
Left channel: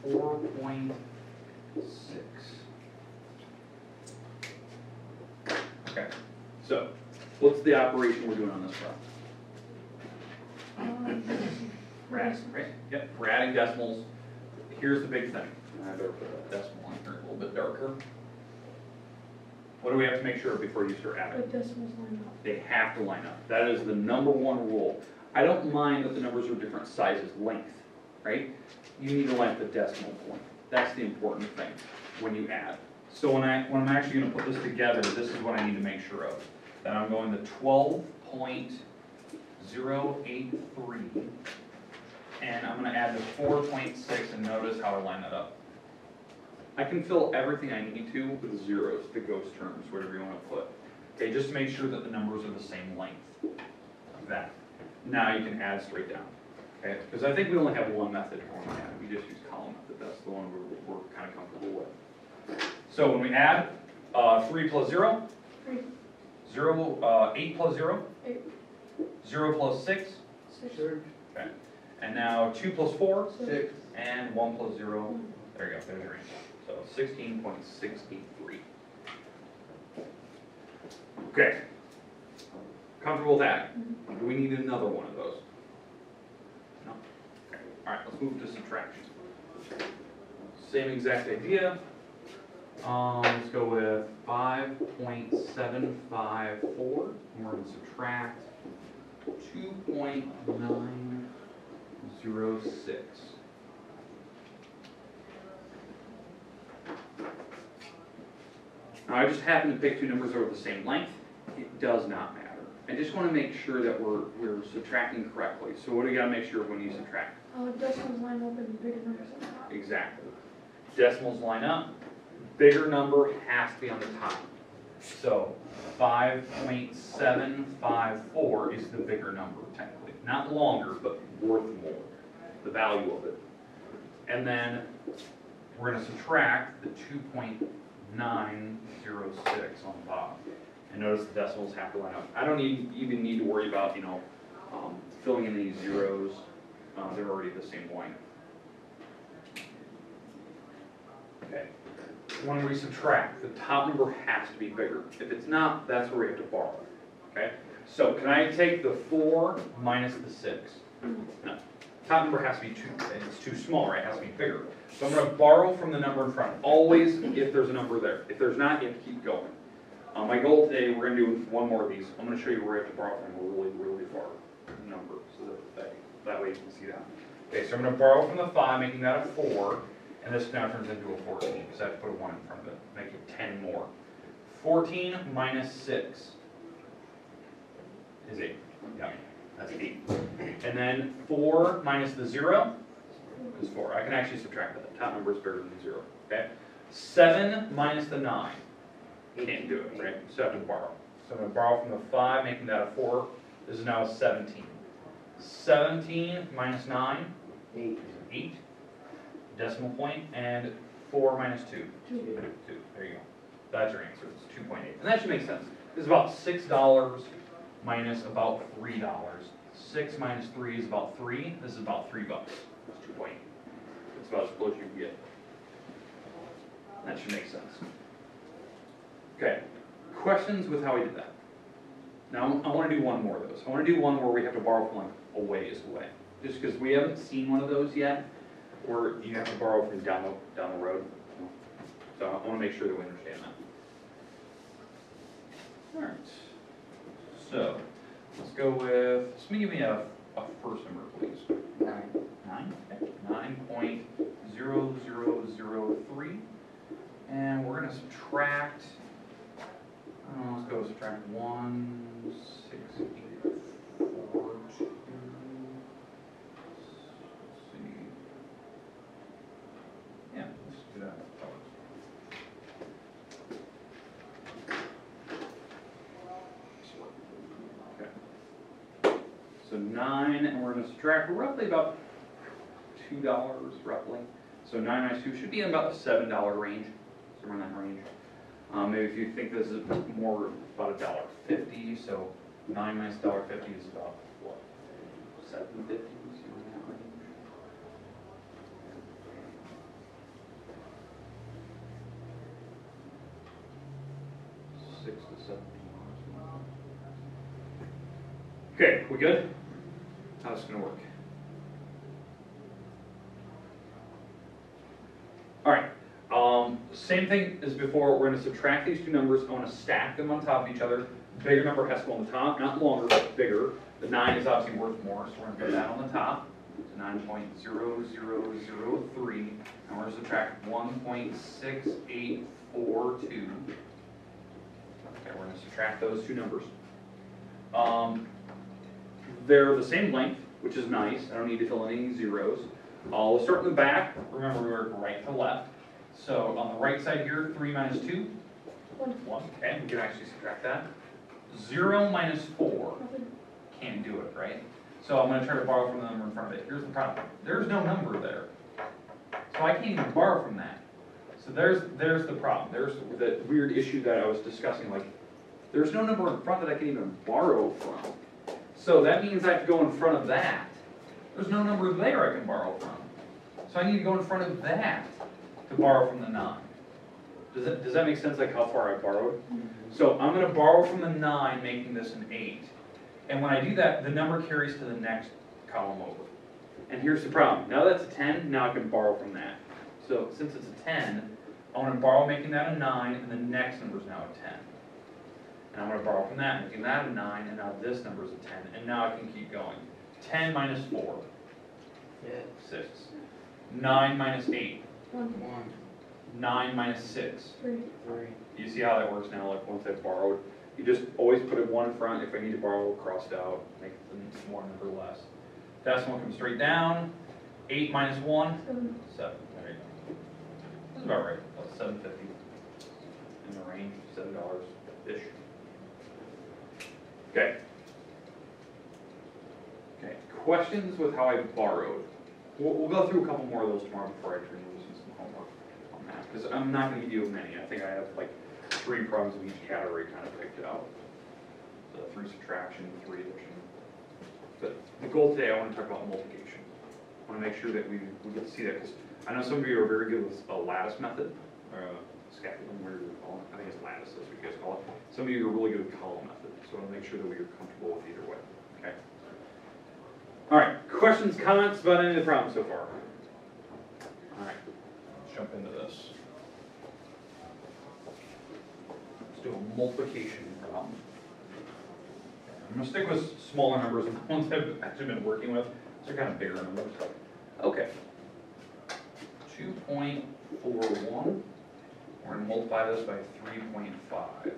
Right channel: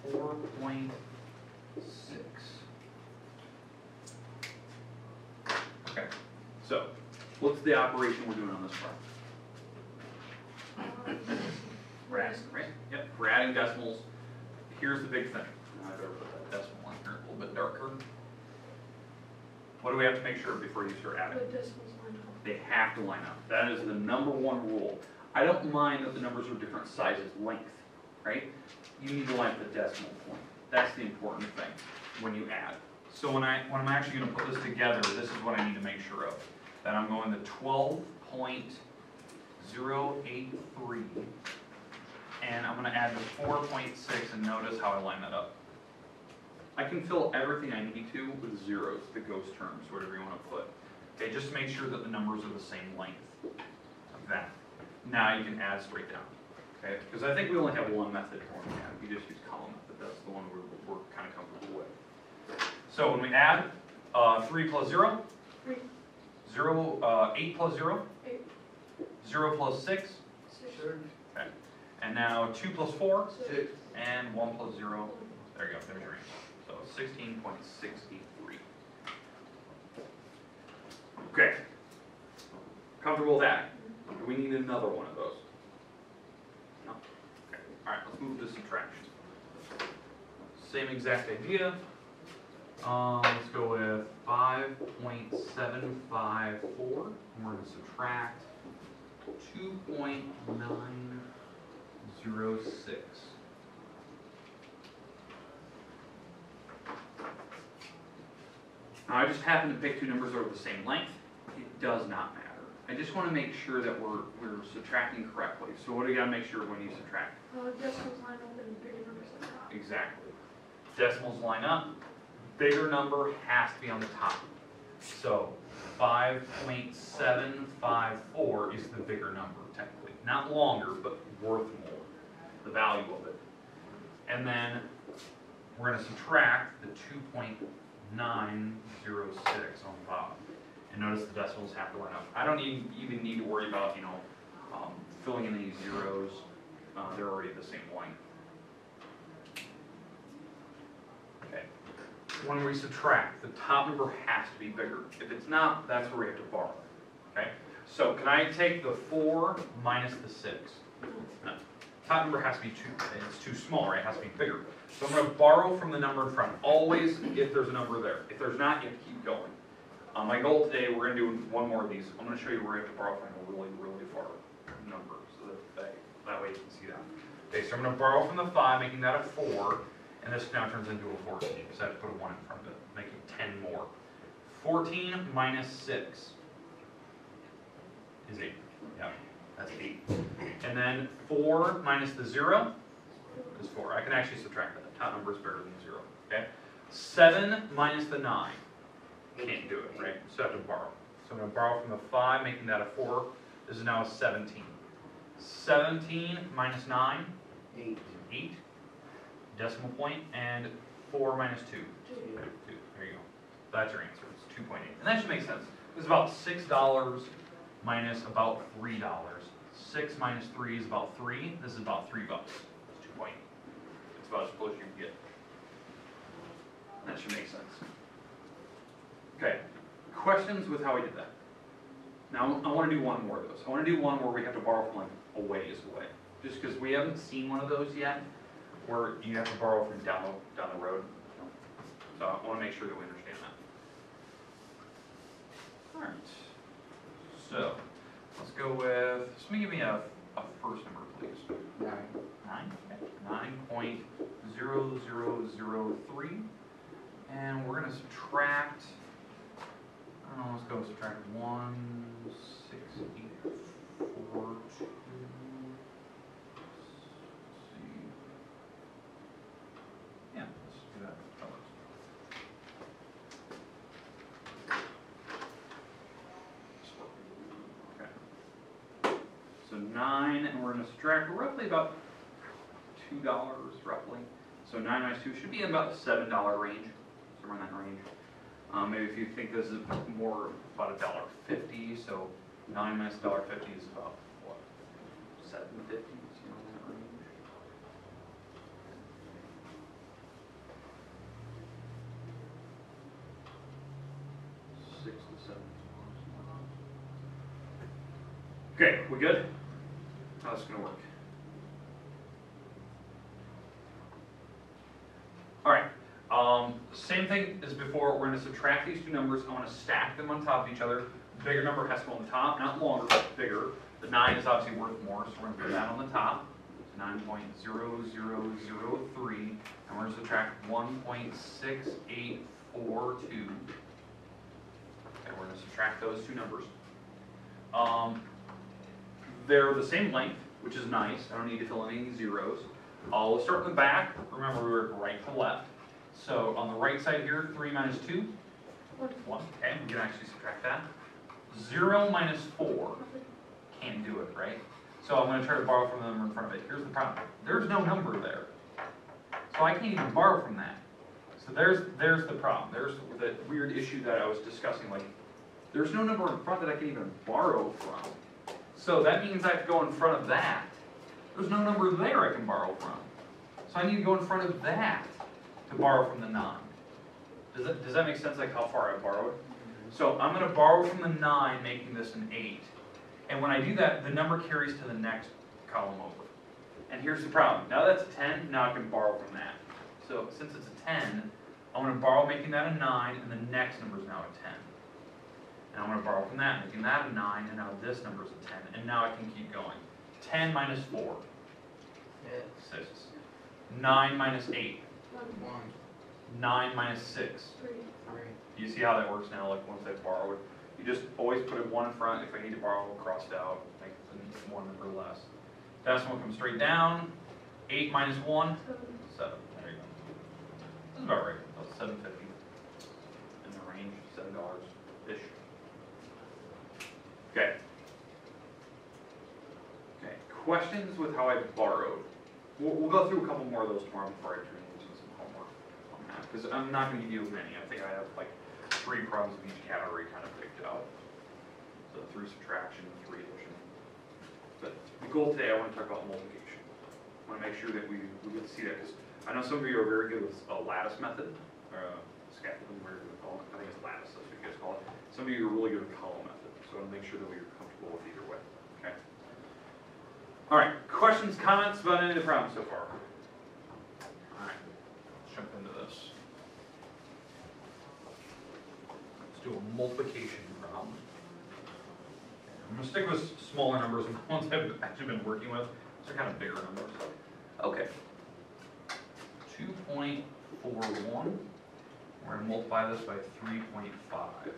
4.6. Okay, so what's the operation we're doing on this part? We're adding, right? Yep, we're adding decimals. Here's the big thing. I better put that decimal in here a little bit darker. What do we have to make sure before you start adding? But decimals line up. They have to line up. That is the number one rule. I don't mind that the numbers are different sizes, length, right? You need to line up the decimal point. That's the important thing when you add. So when I'm actually going to put this together, this is what I need to make sure of. That I'm going to 12.083, and I'm going to add the 4.6, and notice how I line that up. I can fill everything I need to with zeros, the ghost terms, whatever you want to put. Okay, just make sure that the numbers are the same length. Like that. Now you can add straight down. Okay, because I think we only have one method for when we add. We just use column method. That's the one we're kind of comfortable with. So when we add 3 plus 0, 3. 8 plus 0, 8. 0 plus 6, 6. okay. And now 2 plus 4, 6. and 1 plus 0. There you go, there's your answer. So 16.683. Okay. Comfortable with that? Do we need another one of those? No? Okay. Alright, let's move to subtraction. Same exact idea. Let's go with 5.754. We're going to subtract 2.906. Now I just happen to pick two numbers that are the same length. It does not matter. I just want to make sure that we're subtracting correctly. So what do you got to make sure when you subtract? Decimals line up and bigger numbers on the top. Exactly. Decimals line up. Bigger number has to be on the top. So 5.754 is the bigger number, technically. Not longer, but worth more. The value of it. And then we're going to subtract the 2.906 on the bottom. And notice the decimals have to line up. I don't even need to worry about, filling in these zeros. They're already the same length. Okay. When we subtract, the top number has to be bigger. If it's not, that's where we have to borrow. Okay? So can I take the 4 minus the 6? No. Top number has to be 2. It's too small, right? It has to be bigger. So I'm going to borrow from the number in front. Always if there's a number there. If there's not, you have to keep going. My goal today, we're going to do one more of these. I'm going to show you where you have to borrow from a really, really far number. So that way you can see that. Okay, so I'm going to borrow from the 5, making that a 4. And this now turns into a 14, because I have to put a 1 in front of it, make it 10 more. 14 minus 6 is 8. Yeah, that's 8. And then 4 minus the 0 is 4. I can actually subtract that. The top number is bigger than 0. Okay? 7 minus the 9. Can't do it, right? So I have to borrow. So I'm going to borrow from the 5, making that a 4. This is now a 17. 17 minus 9? 8. 8. Decimal point, and 4 minus 2. 2. There you go. That's your answer. It's 2.8. And that should make sense. This is about $6 minus about $3. 6 minus 3 is about 3. This is about $3. That's 2.8. It's about as close as you can get. That should make sense. Okay. Questions with how we did that? Now, I want to do one more of those. I want to do one where we have to borrow from like a ways away. Just because we haven't seen one of those yet, where you have to borrow from down the road. So I want to make sure that we understand that. All right. So let's go with, somebody give me a first number, please. 9. 9? Okay. 9.0003. And we're going to subtract, I don't know, let's go subtract 1,684. Yeah, let's do that. That works. Okay. So 9, and we're going to subtract roughly about $2, roughly. So 9 minus 2 should be in about the $7 range, somewhere in that range. Maybe if you think this is more about $1.50, so 9 minus $1.50 is about what? $7.50, somewhere in that range. 6 to 7. Okay, we good? How's this gonna work? All right. Same thing as before. We're going to subtract these two numbers. I want to stack them on top of each other. Bigger number has to go on the top, not longer, but bigger. The 9 is obviously worth more, so we're going to put that on the top. So 9.0003, and we're going to subtract 1.6842. Okay, we're going to subtract those two numbers. They're the same length, which is nice. I don't need to fill in any zeros. I'll start in the back. Remember, we were right to left. So on the right side here, 3 minus 2? 1. Okay, we can actually subtract that. 0 minus 4. Can't do it, right? So I'm going to try to borrow from the number in front of it. Here's the problem. There's no number there. So I can't even borrow from that. So there's the problem. There's the weird issue that I was discussing. Like, there's no number in front that I can even borrow from. So that means I have to go in front of that. There's no number there I can borrow from. So I need to go in front of that to borrow from the 9. Does that make sense, like how far I borrowed? Mm-hmm. So I'm going to borrow from the 9, making this an 8. And when I do that, the number carries to the next column over. And here's the problem. Now that's a 10, now I can borrow from that. So since it's a 10, I want to borrow making that a 9, and the next number is now a 10. And I want to borrow from that, making that a 9, and now this number is a 10. And now I can keep going. 10 minus 4. 6. 9 minus 8. 1. 9 minus 6. 3. You see how that works now, like once I've borrowed? You just always put a 1 in front. If I need to borrow, crossed out, make the 1 number less. Decimal comes straight down. 8 minus 1? 7. There you go. That's about right. About $7.50 in the range, $7-ish. Okay. Okay, questions with how I borrowed? We'll go through a couple more of those tomorrow before I actually do some homework on that, because I'm not gonna give you many. I think I have like 3 problems of each category kind of picked out. So 3 subtraction, 3 addition. But the goal today, I wanna talk about multiplication. I wanna make sure that we get to see that, because I know some of you are very good with a lattice method, or scaffolding, whatever you call it. I think it's lattice, that's what you guys call it. Some of you are really good with column method, so I wanna make sure that we are comfortable with either way, okay? All right, questions, comments about any of the problems so far? All right, let's jump into this. Let's do a multiplication problem. I'm gonna stick with smaller numbers, the ones I've actually been working with. They're kind of bigger numbers. Okay. 2.41. We're gonna multiply this by 3.5.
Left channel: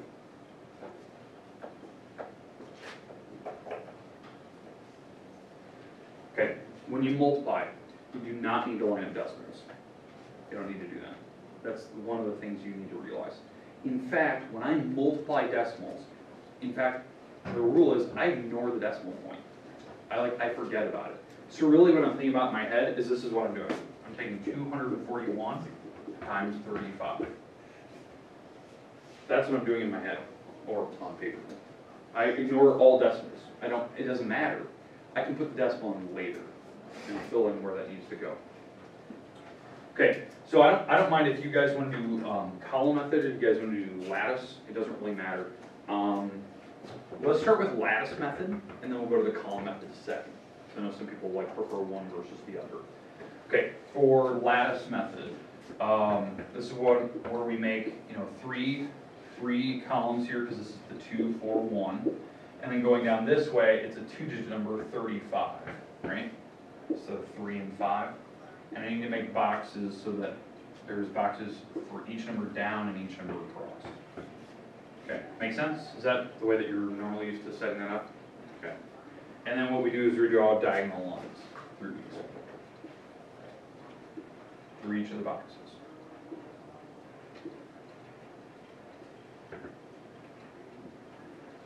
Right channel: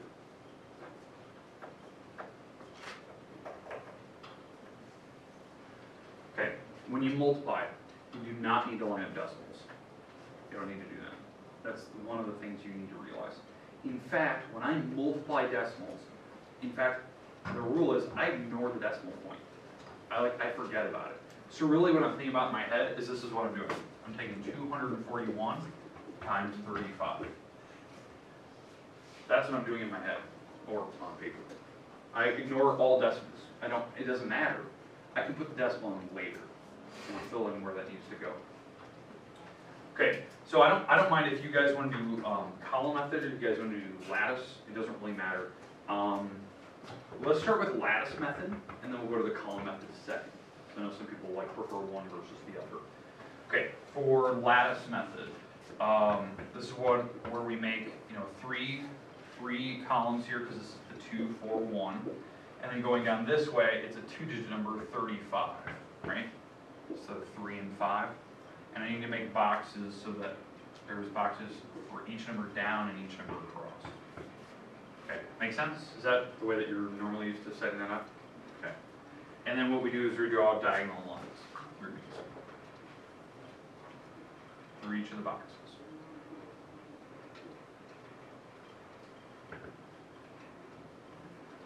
Okay, when you multiply, you do not need to line up decimals. You don't need to do that. That's one of the things you need to realize. In fact, when I multiply decimals, in fact, the rule is I ignore the decimal point. I forget about it. So really what I'm thinking about in my head is this is what I'm doing. I'm taking 241 times 35. That's what I'm doing in my head, or on paper. I ignore all decimals. It doesn't matter. I can put the decimal in later and fill in where that needs to go. Okay, so I don't mind if you guys want to do column method or you guys want to do lattice. It doesn't really matter. Let's start with lattice method, and then we'll go to the column method second. So I know some people prefer one versus the other. Okay, for lattice method, this is where we make three columns here because this is the 2, 4, 1. And then going down this way, it's a 2-digit number, 35, right? So 3 and 5. And I need to make boxes so that there's boxes for each number down and each number across. Okay, make sense? Is that the way that you're normally used to setting that up? Okay. And then what we do is we draw diagonal lines through each of the boxes.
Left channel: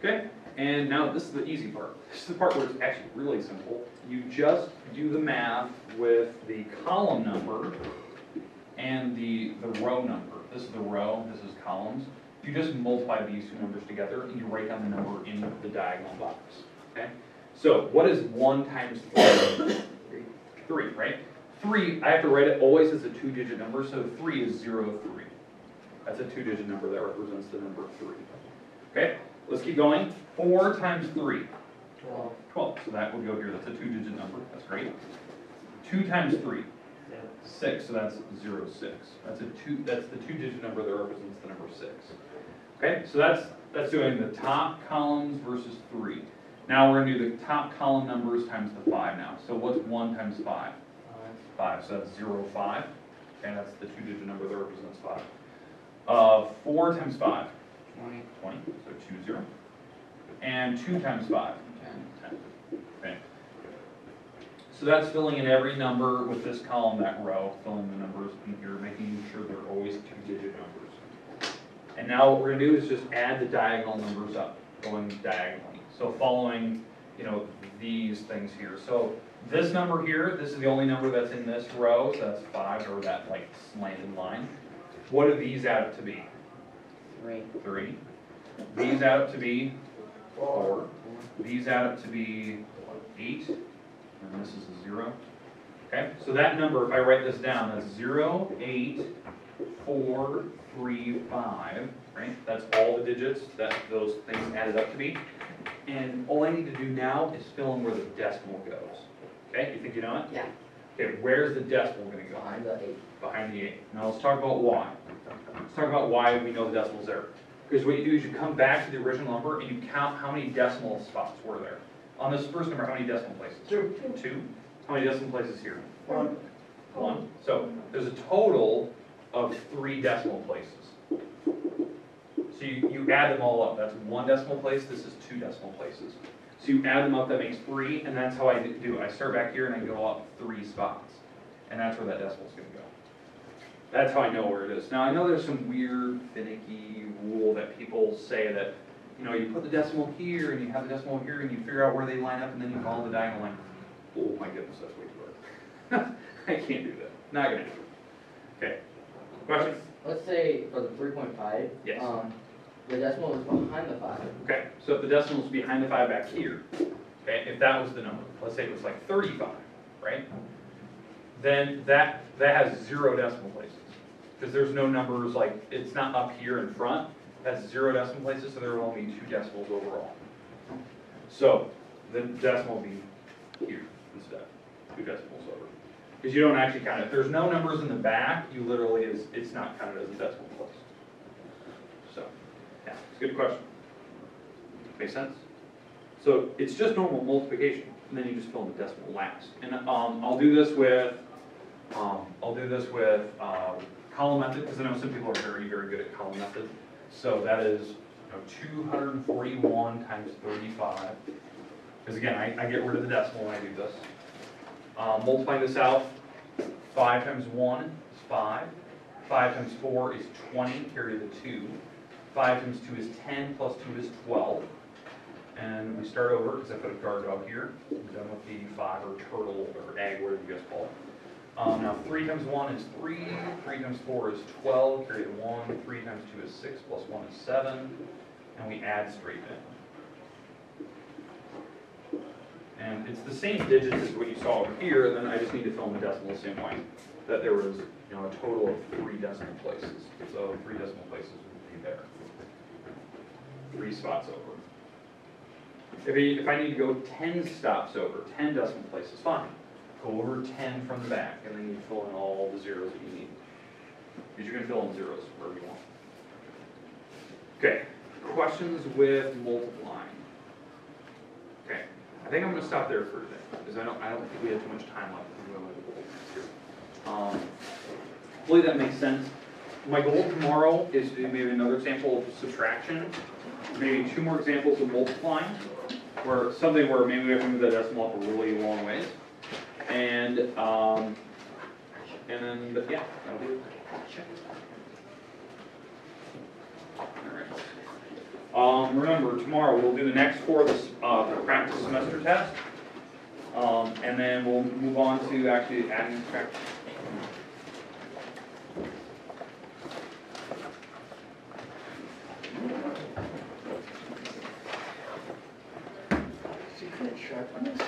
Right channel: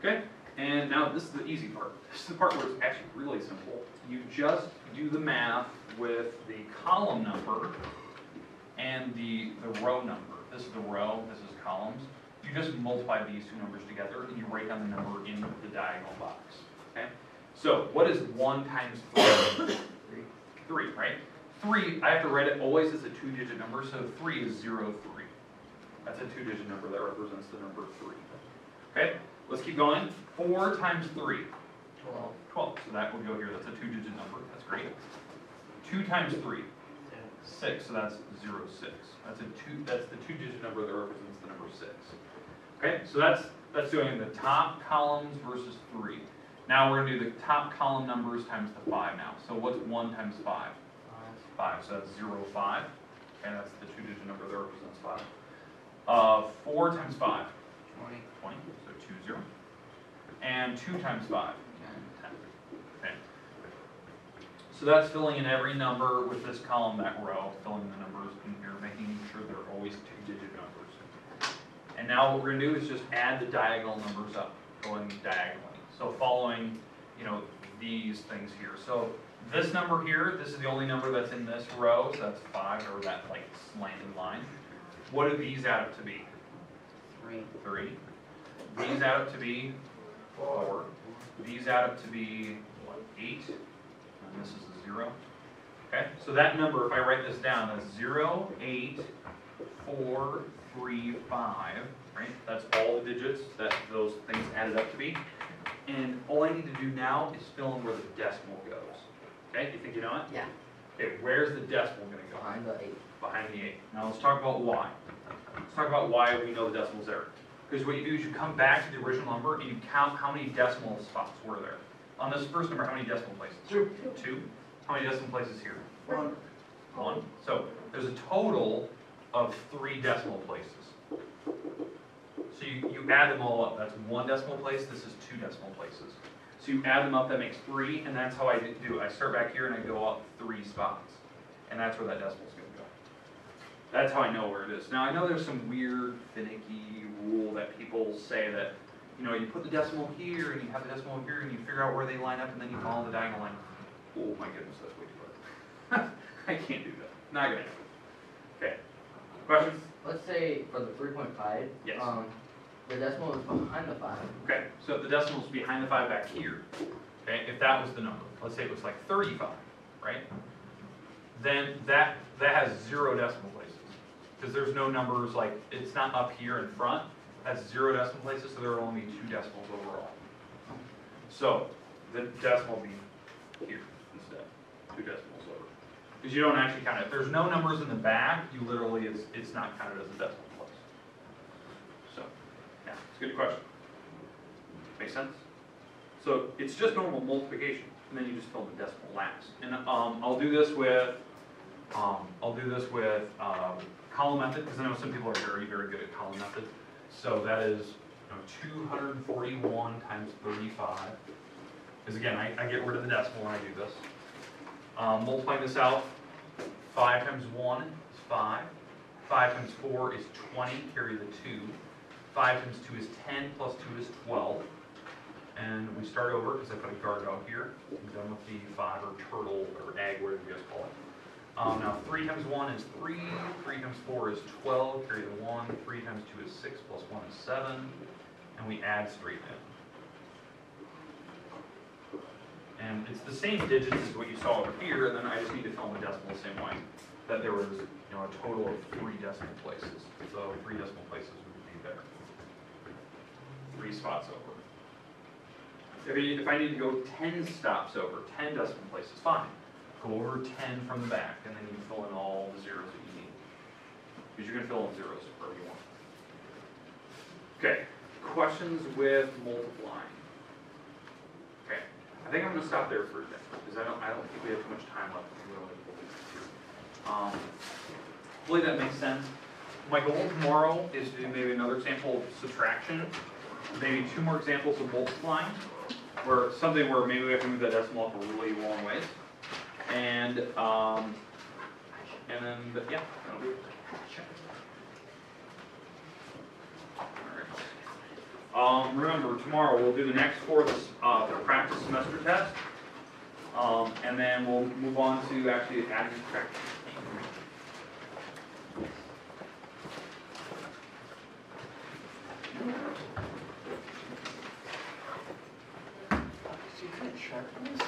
Okay, and now this is the easy part. This is the part where it's actually really simple. You just do the math with the column number and the row number. This is the row, this is columns. You just multiply these 2 numbers together and you write down the number in the diagonal box. Okay? So what is 1 times 3? 3, right? 3, I have to write it always as a 2-digit number, so 3 is 0, 3. That's a 2-digit number that represents the number 3. Okay? Let's keep going. 4 times 3. 12. So that will go here. That's a 2-digit number. That's great. 2 times 3. 6. So that's 0, 6. That's the 2-digit number that represents the number 6. Okay. So that's doing the top columns versus 3. Now we're going to do the top column numbers times the 5 now. So what's 1 times 5? 5. So that's 0, 5. Okay. That's the 2-digit number that represents 5. 4 times 5. 20, so 2, 0. And 2 times 5, 10. Okay. So that's filling in every number with this column, that row, filling the numbers in here, making sure they're always 2-digit numbers. And now what we're going to do is just add the diagonal numbers up, going diagonally. So following, these things here. So this number here, this is the only number that's in this row, so that's 5, or that slanted line. What do these add up to be? 3. These add up to be 4. These add up to be 8. And this is a 0. Okay, so that number, if I write this down, that's 0, 8, 4, 3, 5. Right? That's all the digits that those things added up to be. And all I need to do now is fill in where the decimal goes. Okay, you think you know it? Yeah. Okay, where's the decimal going to go? Behind the 8. Behind the 8. Now let's talk about why. Let's talk about why we know the decimal's there. Because what you do is you come back to the original number and you count how many decimal spots were there. On this first number, how many decimal places? 2. 2. How many decimal places here? 1. 1. So there's a total of 3 decimal places. So you add them all up. That's 1 decimal place. This is 2 decimal places. So you add them up, that makes 3, and that's how I do it. I start back here and I go up 3 spots. And that's where that decimal's going to go. That's how I know where it is. Now I know there's some weird, finicky rule that people say that, you know, you put the decimal here, and you have the decimal here, and you figure out where they line up, and then you follow the diagonal line. Oh my goodness, that's way too hard. I can't do that. Not gonna do it. Okay. Questions? Let's say for the 3.5. Yes. The decimal is behind the 5. Okay, so if the decimal's behind the 5 back here, okay, if that was the number, let's say it was like 35, right? Then that has 0 decimal places. Because there's no numbers, like, it's not up here in front, that's 0 decimal places, so there will only be 2 decimals overall. So, the decimal will be here instead, 2 decimals over. Because you don't actually count it. If there's no numbers in the back, you literally, it's not counted as a decimal place. So, yeah, it's a good question. Make sense? So, it's just normal multiplication, and then you just fill in the decimal last. And I'll do this with column method, because I know some people are very, very good at column method. So that is, 241 times 35. Because again, I get rid of the decimal when I do this. Multiplying this out, 5 times 1 is 5. 5 times 4 is 20, carry the 2. 5 times 2 is 10, plus 2 is 12. And we start over, because I put a guard out here. I'm done with the 5 or turtle or egg, whatever you guys call it. Now 3 times 1 is 3, 3 times 4 is 12, carry the 1, 3 times 2 is 6, plus 1 is 7, and we add straight in. And it's the same digits as what you saw over here, then I just need to fill in the decimal the same way. That there was, a total of 3 decimal places. So 3 decimal places would be there. 3 spots over. If I need to go 10 stops over, 10 decimal places, fine. Go over 10 from the back, and then you fill in all the zeros that you need. Because you can fill in zeros wherever you want. Okay, questions with multiplying. Okay, I think I'm going to stop there for today, because I don't think we have too much time left. Hopefully that makes sense. My goal tomorrow is to do maybe another example of subtraction, maybe 2 more examples of multiplying, where maybe we have to move that decimal up a really long ways. And then, yeah, that'll be it. Check. All right. Remember, tomorrow we'll do the next 4 of the practice semester test. And then we'll move on to actually adding and subtracting. So you kind of check on this?